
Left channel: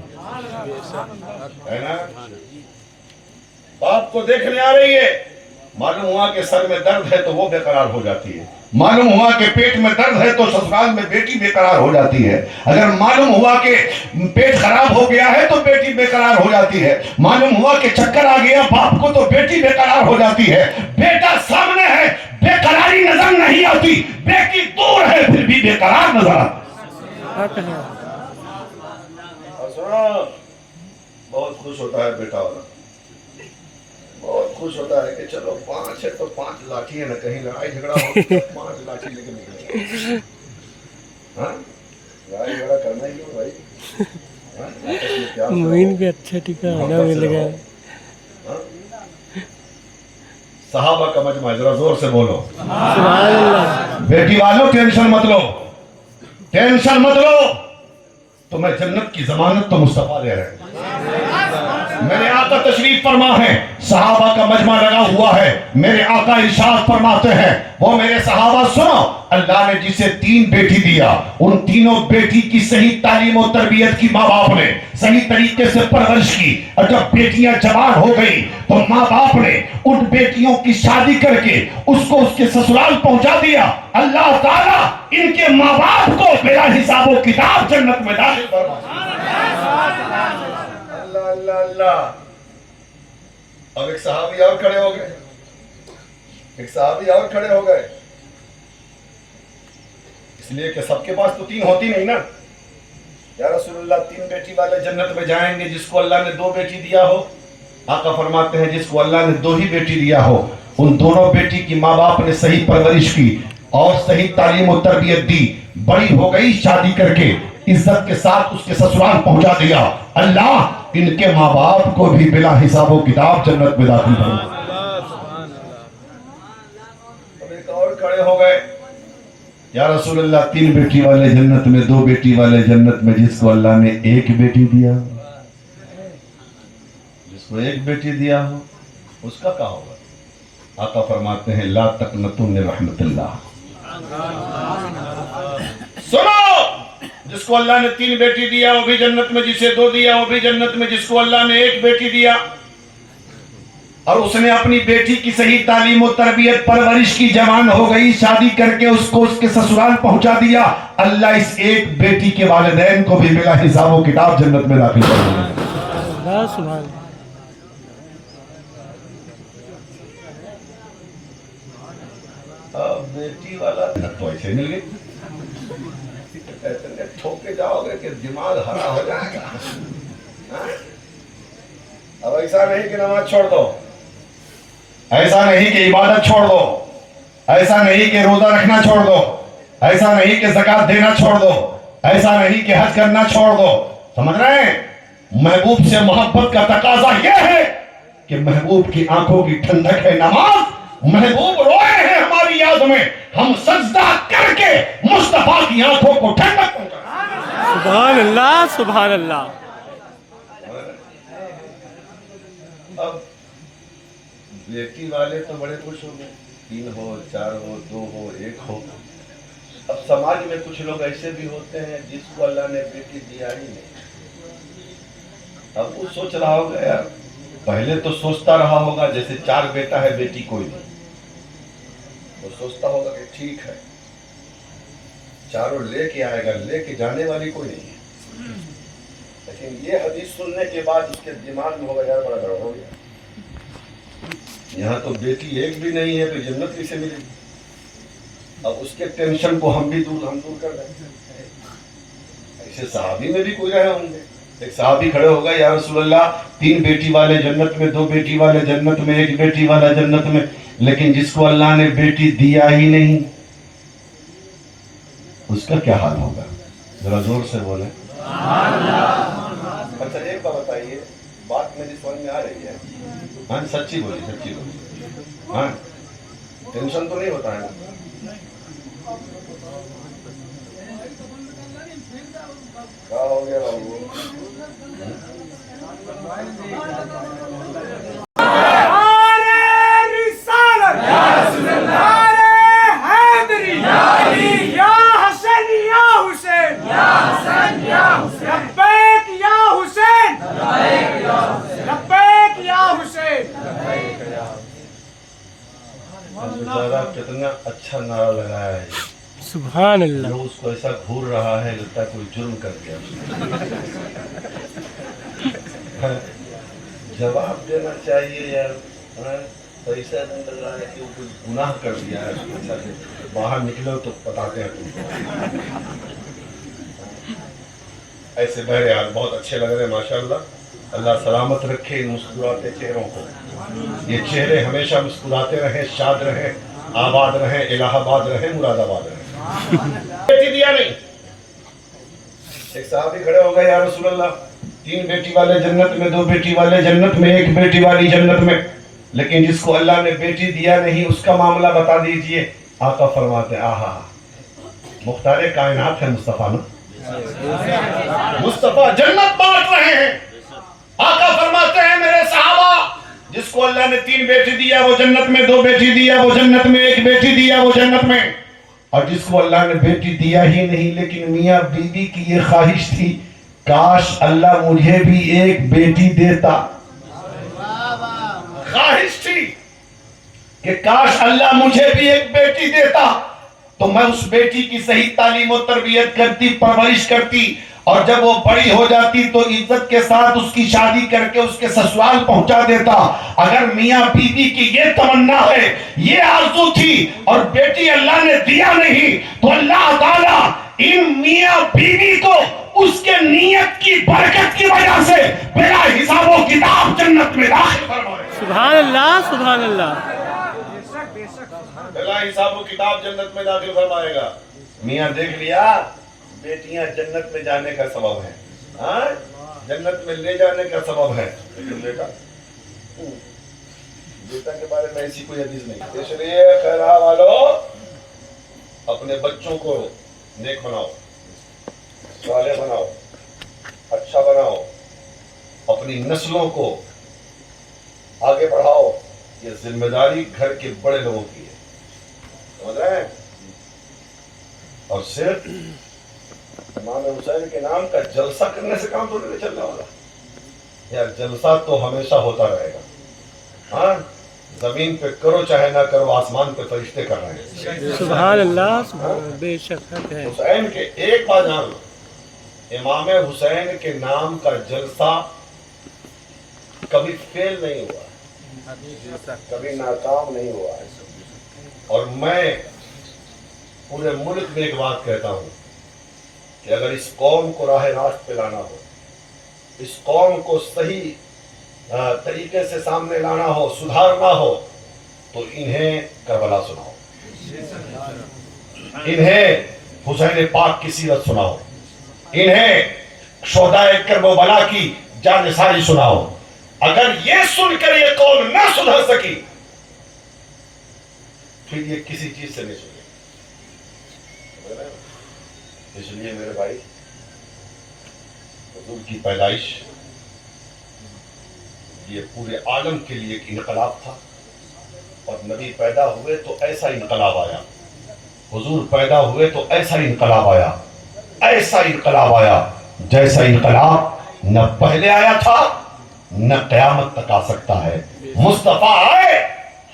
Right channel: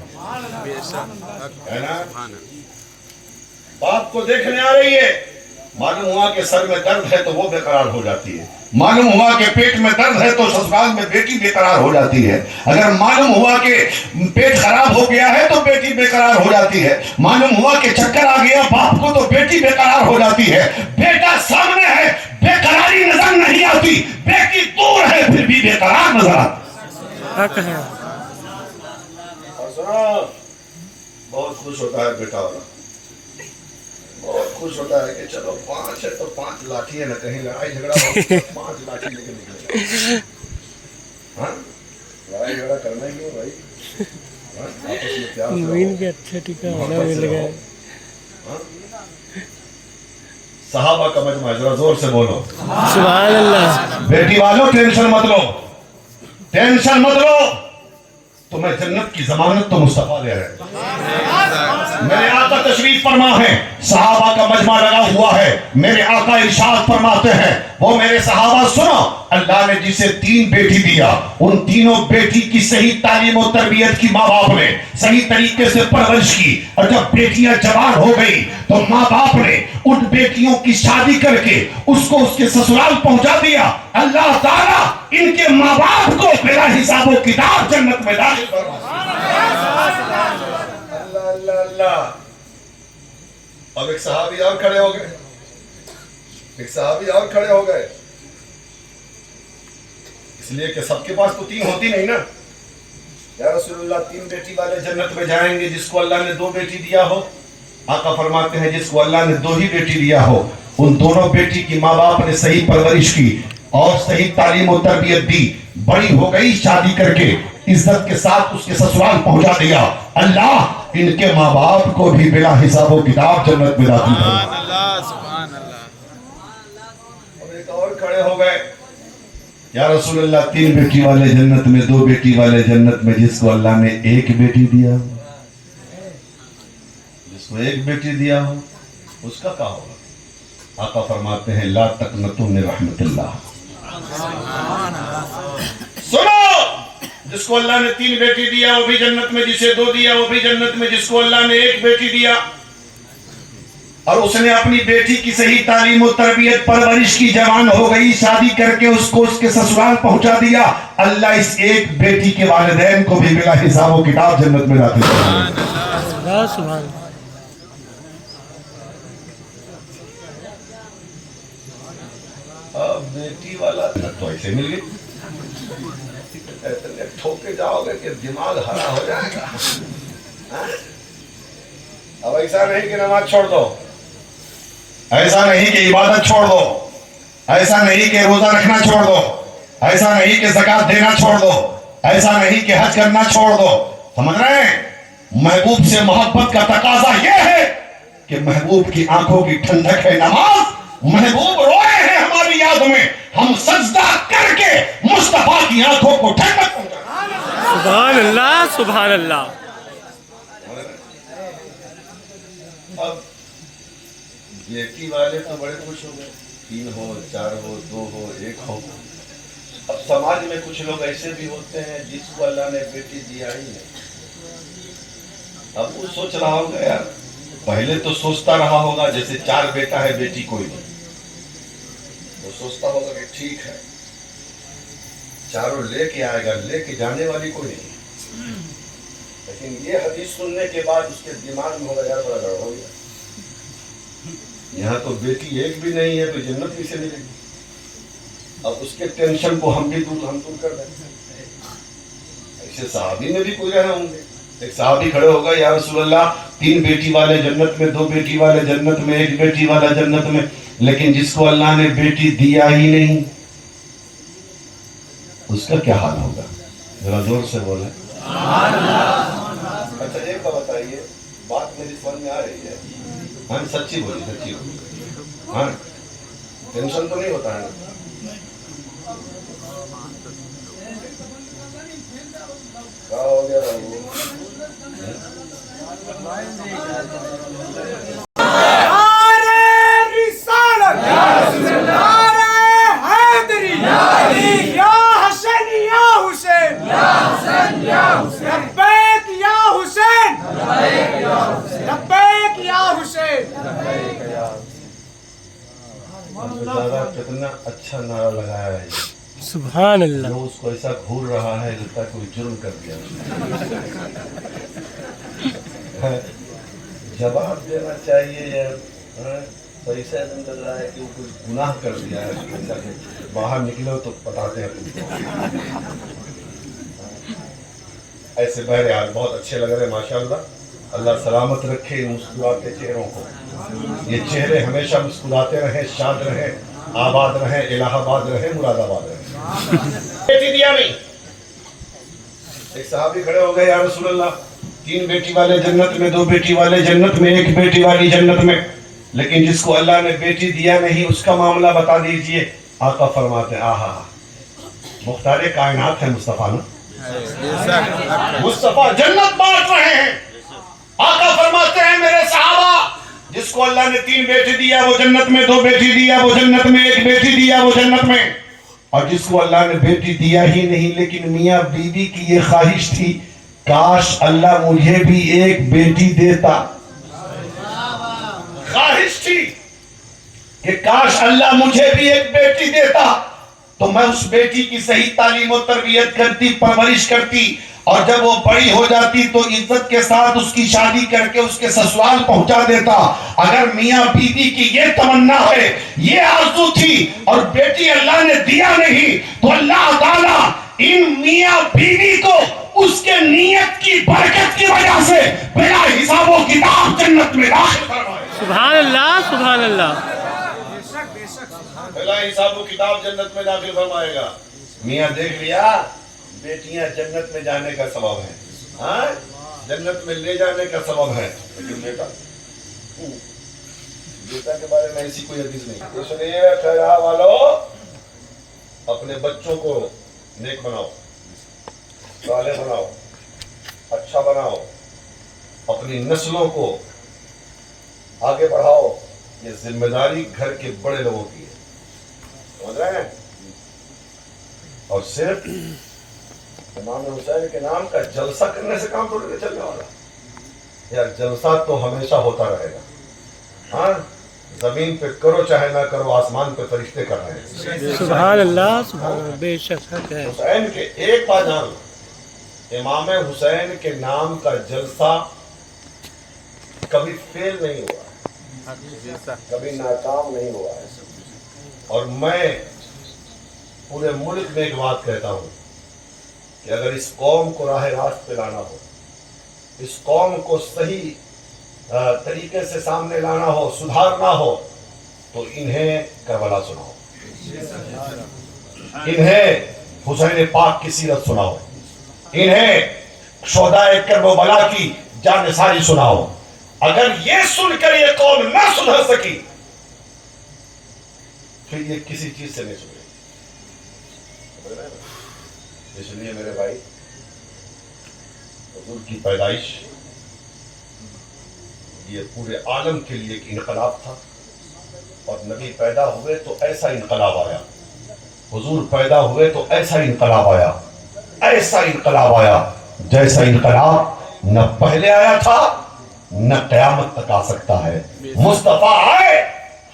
ہے نا، باپ کو دیکھنے آ رہی ہے۔ معلوم ہوا کہ سر میں درد ہے تو وہ بے قرار ہو جاتی ہے، معلوم ہوا کہ پیٹ میں درد ہے تو سسرال میں بیٹی بے قرار ہو جاتی ہے، اگر معلوم ہوا کہ پیٹ خراب ہو گیا ہے تو بیٹی بے قرار ہو جاتی ہے، معلوم ہوا کہ چکر آ گیا باپ کو تو بیٹی بے قرار ہو جاتی ہے۔ بیٹا سامنے ہے بے قراری نظر نہیں آتی، بیٹی دور ہے پھر بھی بے قرار نظر آتی۔ بہت خوش ہوتا ہے بیٹا والا، بہت خوش ہوتا ہے کہ چلو 5 ہے تو 5 لاٹھی ہے، نہ کہیں لڑائی جھگڑا ہو 5 لاٹھی لے کے نکلے، ہاں لڑائی جھگڑا کرنا ہی کیوں بھائی، موین بھی اچھا ٹھکانا مل گیا۔ صحابہ کا مجمع، ذرا زور سے بولو سبحان اللہ۔ بیٹی والوں ٹینشن مت لو، ٹینشن مت لو، تمہیں جنت کی ضمانت تو مصطفیٰ دے رہے ہیں۔ میرے آقا تشریف فرما ہے، صحابہ کا مجمع لگا ہوا ہے، میرے آقا ارشاد فرماتے ہیں وہ میرے صحابہ سنو، اللہ نے جسے 3 بیٹی دیا، ان تینوں بیٹی کی صحیح تعلیم و تربیت کی ماں باپ نے صحیح طریقے سے پرورش کی، اور جب بیٹیاں جوان ہو گئی تو ماں باپ نے ان بیٹیوں کی شادی کر کے اس کو اس کے سسرال پہنچا دیا۔ اللہ تعالیٰ ان کے ماں باپ کو بلا حساب و کتاب جنت میں داخل فرما۔ اللہ اللہ اللہ۔ اب ایک صحابی اور کھڑے ہو گئے، ایک صحابی اور کھڑے ہو گئے، اس لیے کہ سب کے پاس تو 3 ہوتی نہیں نا۔ یا رسول اللہ 3 بیٹی والے جنت میں جائیں گے، جس کو اللہ نے 2 بیٹی دیا ہو؟ آقا فرماتے ہیں جس کو اللہ نے 2 ہی بیٹی دیا ہو، ان دونوں بیٹی کی ماں باپ نے صحیح پرورش کی اور صحیح تعلیم و تربیت دی، بڑی ہو گئی، شادی کر کے عزت کے ساتھ اس کے سسرال پہنچا دیا، اللہ ان کے ماں باپ کو بھی بلا حساب و کتاب جنت میں داخل فرما۔ اب ایک اور کھڑے ہو گئے، یا رسول اللہ 3 بیٹی والے جنت میں، 2 بیٹی والے جنت میں، جس کو اللہ نے 1 بیٹی دیا، جس کو 1 بیٹی دیا ہو اس کا کیا ہوگا؟ آقا فرماتے ہیں لا تقنطوا من رحمت اللہ۔ سنو، جس کو اللہ نے 3 بیٹی دیا وہ بھی جنت میں، جسے 2 دیا وہ بھی جنت میں، جس کو اللہ نے 1 بیٹی دیا اور اس نے اپنی بیٹی کی صحیح تعلیم و تربیت پرورش کی، جوان ہو گئی، شادی کر کے اس کو اس کے سسرال پہنچا دیا، اللہ اس 1 بیٹی کے والدین کو بھی بلا حساب و کتاب جنت میں داخل کرے۔ سبحان بیٹی والا تو ایسے مل گئی، ٹھوکے جاؤ گے کہ دماغ ہرا ہو جائے گا۔ اب ایسا نہیں کہ نماز چھوڑ دو، ایسا نہیں کہ عبادت چھوڑ دو، ایسا نہیں کہ روزہ رکھنا چھوڑ دو، ایسا نہیں کہ زکوٰۃ دینا چھوڑ دو، ایسا نہیں کہ حج کرنا چھوڑ دو۔ سمجھ رہے ہیں؟ محبوب سے محبت کا تقاضا یہ ہے کہ محبوب کی آنکھوں کی ٹھنڈک ہے نماز، محبوب روئے ہیں ہماری یاد میں، ہم سجدہ کر کے مصطفیٰ کی آنکھوں کو ٹھنڈک پہنچائیں۔ سبحان اللہ، سبحان اللہ۔ اب بیٹی والے تو بڑے خوش ہو گئے، 3 ہو، 4 ہو، 2 ہو، 1 ہو۔ اب سماج میں کچھ لوگ ایسے بھی ہوتے ہیں جس کو اللہ نے بیٹی دیا ہی نہیں، اب وہ سوچ رہا ہوگا یار، پہلے تو سوچتا رہا ہوگا جیسے 4 بیٹا ہے بیٹی کوئی نہیں، وہ سوچتا ہوگا کہ ٹھیک ہے 4 لے کے آئے گا، لے کے جانے والی کوئی نہیں، لیکن یہ حدیث سننے کے بعد اس کے دماغ میں ہوگا یار بڑا گڑبڑ ہو گیا، یہاں تو بیٹی 1 بھی نہیں ہے تو جنت بھی سے ملے گی۔ اب اس کے ٹینشن کو ہم دور کر دیں۔ ایسے صحابی میں بھی کوئی رہے ہوں گے، ایک صحابی کھڑے ہوگا یا رسول اللہ 3 بیٹی والے جنت میں، 2 بیٹی والے جنت میں، 1 بیٹی والا جنت میں، لیکن جس کو اللہ نے بیٹی دیا ہی نہیں اس کا کیا حال ہوگا؟ ذرا زور سے بولیں۔ اچھا ایک بات بتائیے، بات میری سمجھ میں آ رہی ہے؟ ہاں سچی بولی، سچی بولی، ہاں ٹینشن تو نہیں ہوتا ہے نا؟ کیا ہو گیا رہا کتنا اچھا نعرہ لگایا ہے، سبحان اللہ۔ اس کو ایسا گھور رہا ہے لگتا ہے کوئی جرم کر دیا، جواب دینا چاہیے یار، تو ایسا لگ رہا ہے کہ وہ کوئی گناہ کر دیا ہے، باہر نکلو تو بتاتے ہیں۔ ایسے بہرحال بہت اچھے لگ رہے ہیں ماشاءاللہ، اللہ سلامت رکھے ان مسکراتے چہروں کو، یہ چہرے ہمیشہ مسکراتے رہیں، شاد رہیں، آباد رہیں، الہ آباد رہیں، مراد آباد رہیں۔ بیٹی دیا نہیں، ایک صحابی کھڑے ہو گئے یا رسول اللہ 3 بیٹی والے جنت میں، 2 بیٹی والے جنت میں، 1 بیٹی والی جنت میں، لیکن جس کو اللہ نے بیٹی دیا نہیں اس کا معاملہ بتا دیجئے۔ آقا فرماتے ہیں آہا مختار کائنات ہے مصطفیٰ نا، مصطفیٰ جنت بانٹ رہے ہیں۔ آقا فرماتے ہیں اللہ نے 3 بیٹی دیا وہ جنت میں, 2 بیٹی دیا وہ جنت میں, 1 بیٹی دیا وہ جنت میں. اور جس کو اللہ نے بیٹی دیا ہی نہیں لیکن میاں بیوی کی یہ خواہش تھی کاش اللہ مجھے بھی ایک بیٹی دیتا. خواہش تھی کہ کاش اللہ مجھے بھی ایک بیٹی دیتا تو میں اس بیٹی کی صحیح تعلیم و تربیت کرتی, پرورش کرتی, اور جب وہ بڑی ہو جاتی تو عزت کے ساتھ اس کی شادی کر کے اس کے سسرال پہنچا دیتا. اگر میاں بیوی کی یہ تمنا ہے, یہ آرزو تھی, اور بیٹی اللہ نے دیا نہیں تو اللہ تعالیٰ ان میاں بیوی کو اس کے نیت کی برکت کی وجہ سے بلا حساب و کتاب جنت میں داخل فرمائے. سبحان اللہ, سبحان اللہ. بلا حساب و کتاب جنت میں داخل فرمائے گا. میاں دیکھ لیا بیٹیاں جنت میں جانے کا سبب ہے, ہاں جنت میں لے جانے کا سبب ہے, لیکن بیٹا کے بارے میں ایسی کوئی حدیث نہیں. اس لیے خیرہ والو اپنے بچوں کو نیک بناؤ, صالح بناؤ, اچھا بناؤ, اپنی نسلوں کو آگے بڑھاؤ. یہ ذمہ داری گھر کے بڑے لوگوں کی ہے, سمجھ رہے ہیں. اور صرف امام حسین کے نام کا جلسہ کرنے سے کام تھوڑی نہیں چلنے والا یار. جلسہ تو ہمیشہ ہوتا رہے گا. ہاں زمین پہ کرو چاہے نہ کرو, آسمان پہ فرشتے کر رہے ہیں. سبحان اللہ, سبحان اللہ, بے شک حق ہے. حسین کے ایک بات جان لو, امام حسین کے نام کا جلسہ کبھی فیل نہیں ہوا, کبھی ناکام نہیں ہوا ہے. اور میں پورے ملک میں ایک بات کہتا ہوں کہ اگر اس قوم کو راہ راست پہ لانا ہو, اس قوم کو صحیح طریقے سے سامنے لانا ہو, سدھارنا ہو, تو انہیں کربلا سناؤ, انہیں حسین پاک کی سیرت سناؤ, انہیں شہدائے کربلا کی جانثاری سناؤ. اگر یہ سن کر یہ قوم نہ سدھر سکی پھر یہ کسی چیز سے نہیں سدھرے. اس لیے میرے بھائی حضور کی پیدائش یہ پورے عالم کے لیے ایک انقلاب تھا, اور نبی پیدا ہوئے تو ایسا انقلاب آیا, حضور پیدا ہوئے تو ایسا انقلاب آیا, ایسا انقلاب آیا جیسا انقلاب نہ پہلے آیا تھا نہ قیامت تک آ سکتا ہے. مصطفیٰ آئے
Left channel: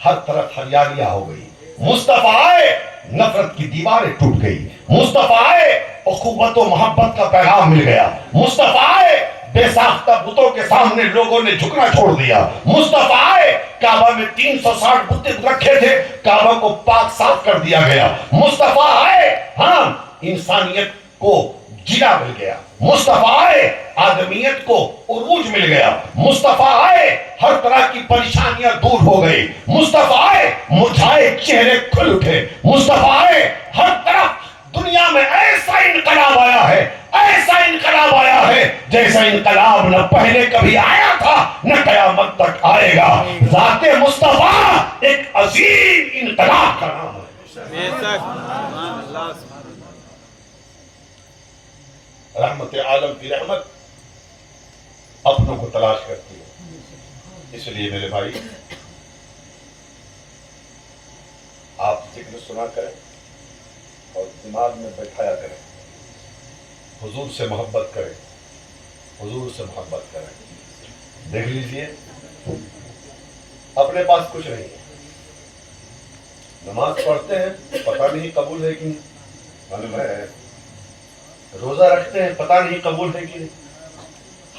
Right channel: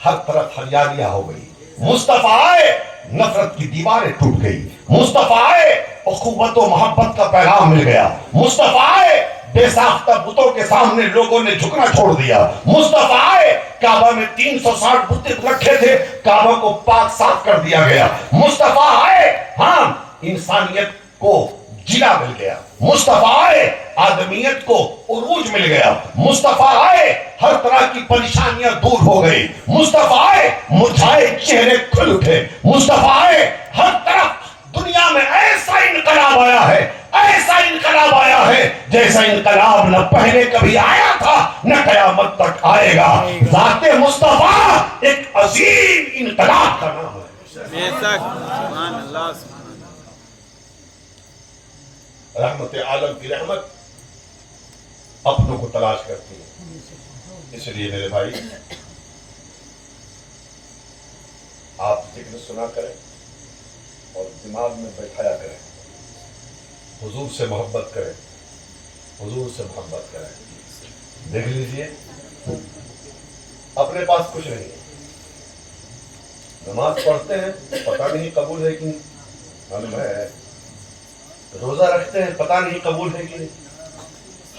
ہر طرف ہریالیاں ہو گئی, مصطفیٰ آئے نفرت کی دیواریں ٹوٹ گئی, مصطفیٰ آئے اخوت و محبت کا پیغام مل گیا, مصطفیٰ آئے بے ساختہ بتوں کے سامنے لوگوں نے جھکنا چھوڑ دیا, مصطفیٰ آئے کعبہ میں 360 بت رکھے تھے, کعبہ کو پاک صاف کر دیا گیا, مصطفیٰ آئے ہاں انسانیت کو جلا مل گیا, مصطفیٰ آئے آدمیت کو عروج مل گیا, مصطفیٰ آئے ہر طرح کی پریشانیاں دور ہو گئی, مصطفیٰ آئے مرجھائے چہرے کھل اٹھے, مصطفیٰ آئے ہر طرف دنیا میں ایسا انقلاب آیا ہے, ایسا انقلاب آیا ہے جیسا انقلاب نہ پہلے کبھی آیا تھا نہ قیامت تک آئے گا. ذات مصطفیٰ ایک عظیم انقلاب کا نام ہے. رحمت عالم کی رحمت اپنوں کو تلاش کرتی ہے. اس لیے میرے بھائی آپ ذکر سنا کریں اور دماغ میں بیٹھایا کریں, حضور سے محبت کریں, حضور سے محبت کریں. دیکھ لیجئے اپنے پاس کچھ نہیں ہے, نماز پڑھتے ہیں پتہ نہیں قبول ہے کہ نہیں, ہے روزہ رکھتے ہیں پتہ نہیں قبول ہے کہ نہیں,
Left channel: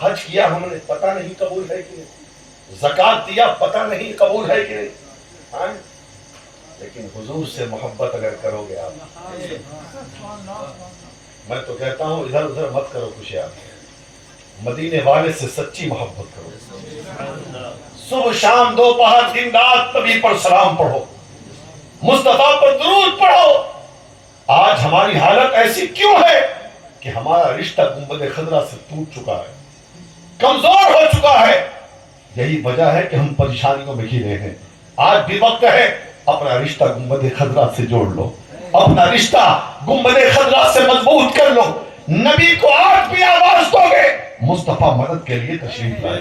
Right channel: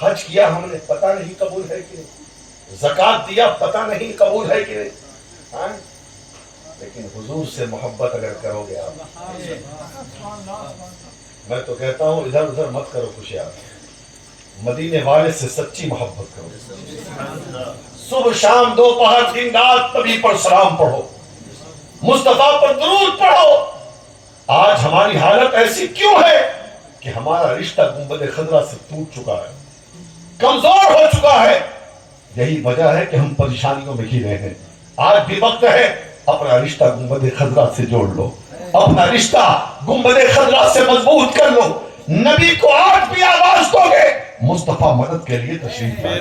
حج کیا ہم نے پتہ نہیں قبول ہے کہ نہیں, زکات دیا پتہ نہیں قبول ہے کہ نہیں, لیکن حضور سے محبت اگر کرو گے آپ, میں تو کہتا ہوں ادھر ادھر مت کرو خوشیاں, مدینے والے سے سچی محبت کرو, صبح شام دوپہر دن رات نبی پر سلام پڑھو, مصطفیٰ پر درود پڑھو. آج ہماری حالت ایسی کیوں ہے کہ ہمارا رشتہ گنبد خضرا سے ٹوٹ چکا ہے, کمزور ہو چکا ہے. یہی وجہ ہے کہ ہم پریشانیوں میں گھرے ہیں. آج بھی وقت ہے اپنا رشتہ گنبد خضرا سے جوڑ لو, اپنا رشتہ گنبد خضرا سے مضبوط کر لو. نبی کو آج بھی آواز دو گے مصطفیٰ مدد کے لیے تشریف لائے.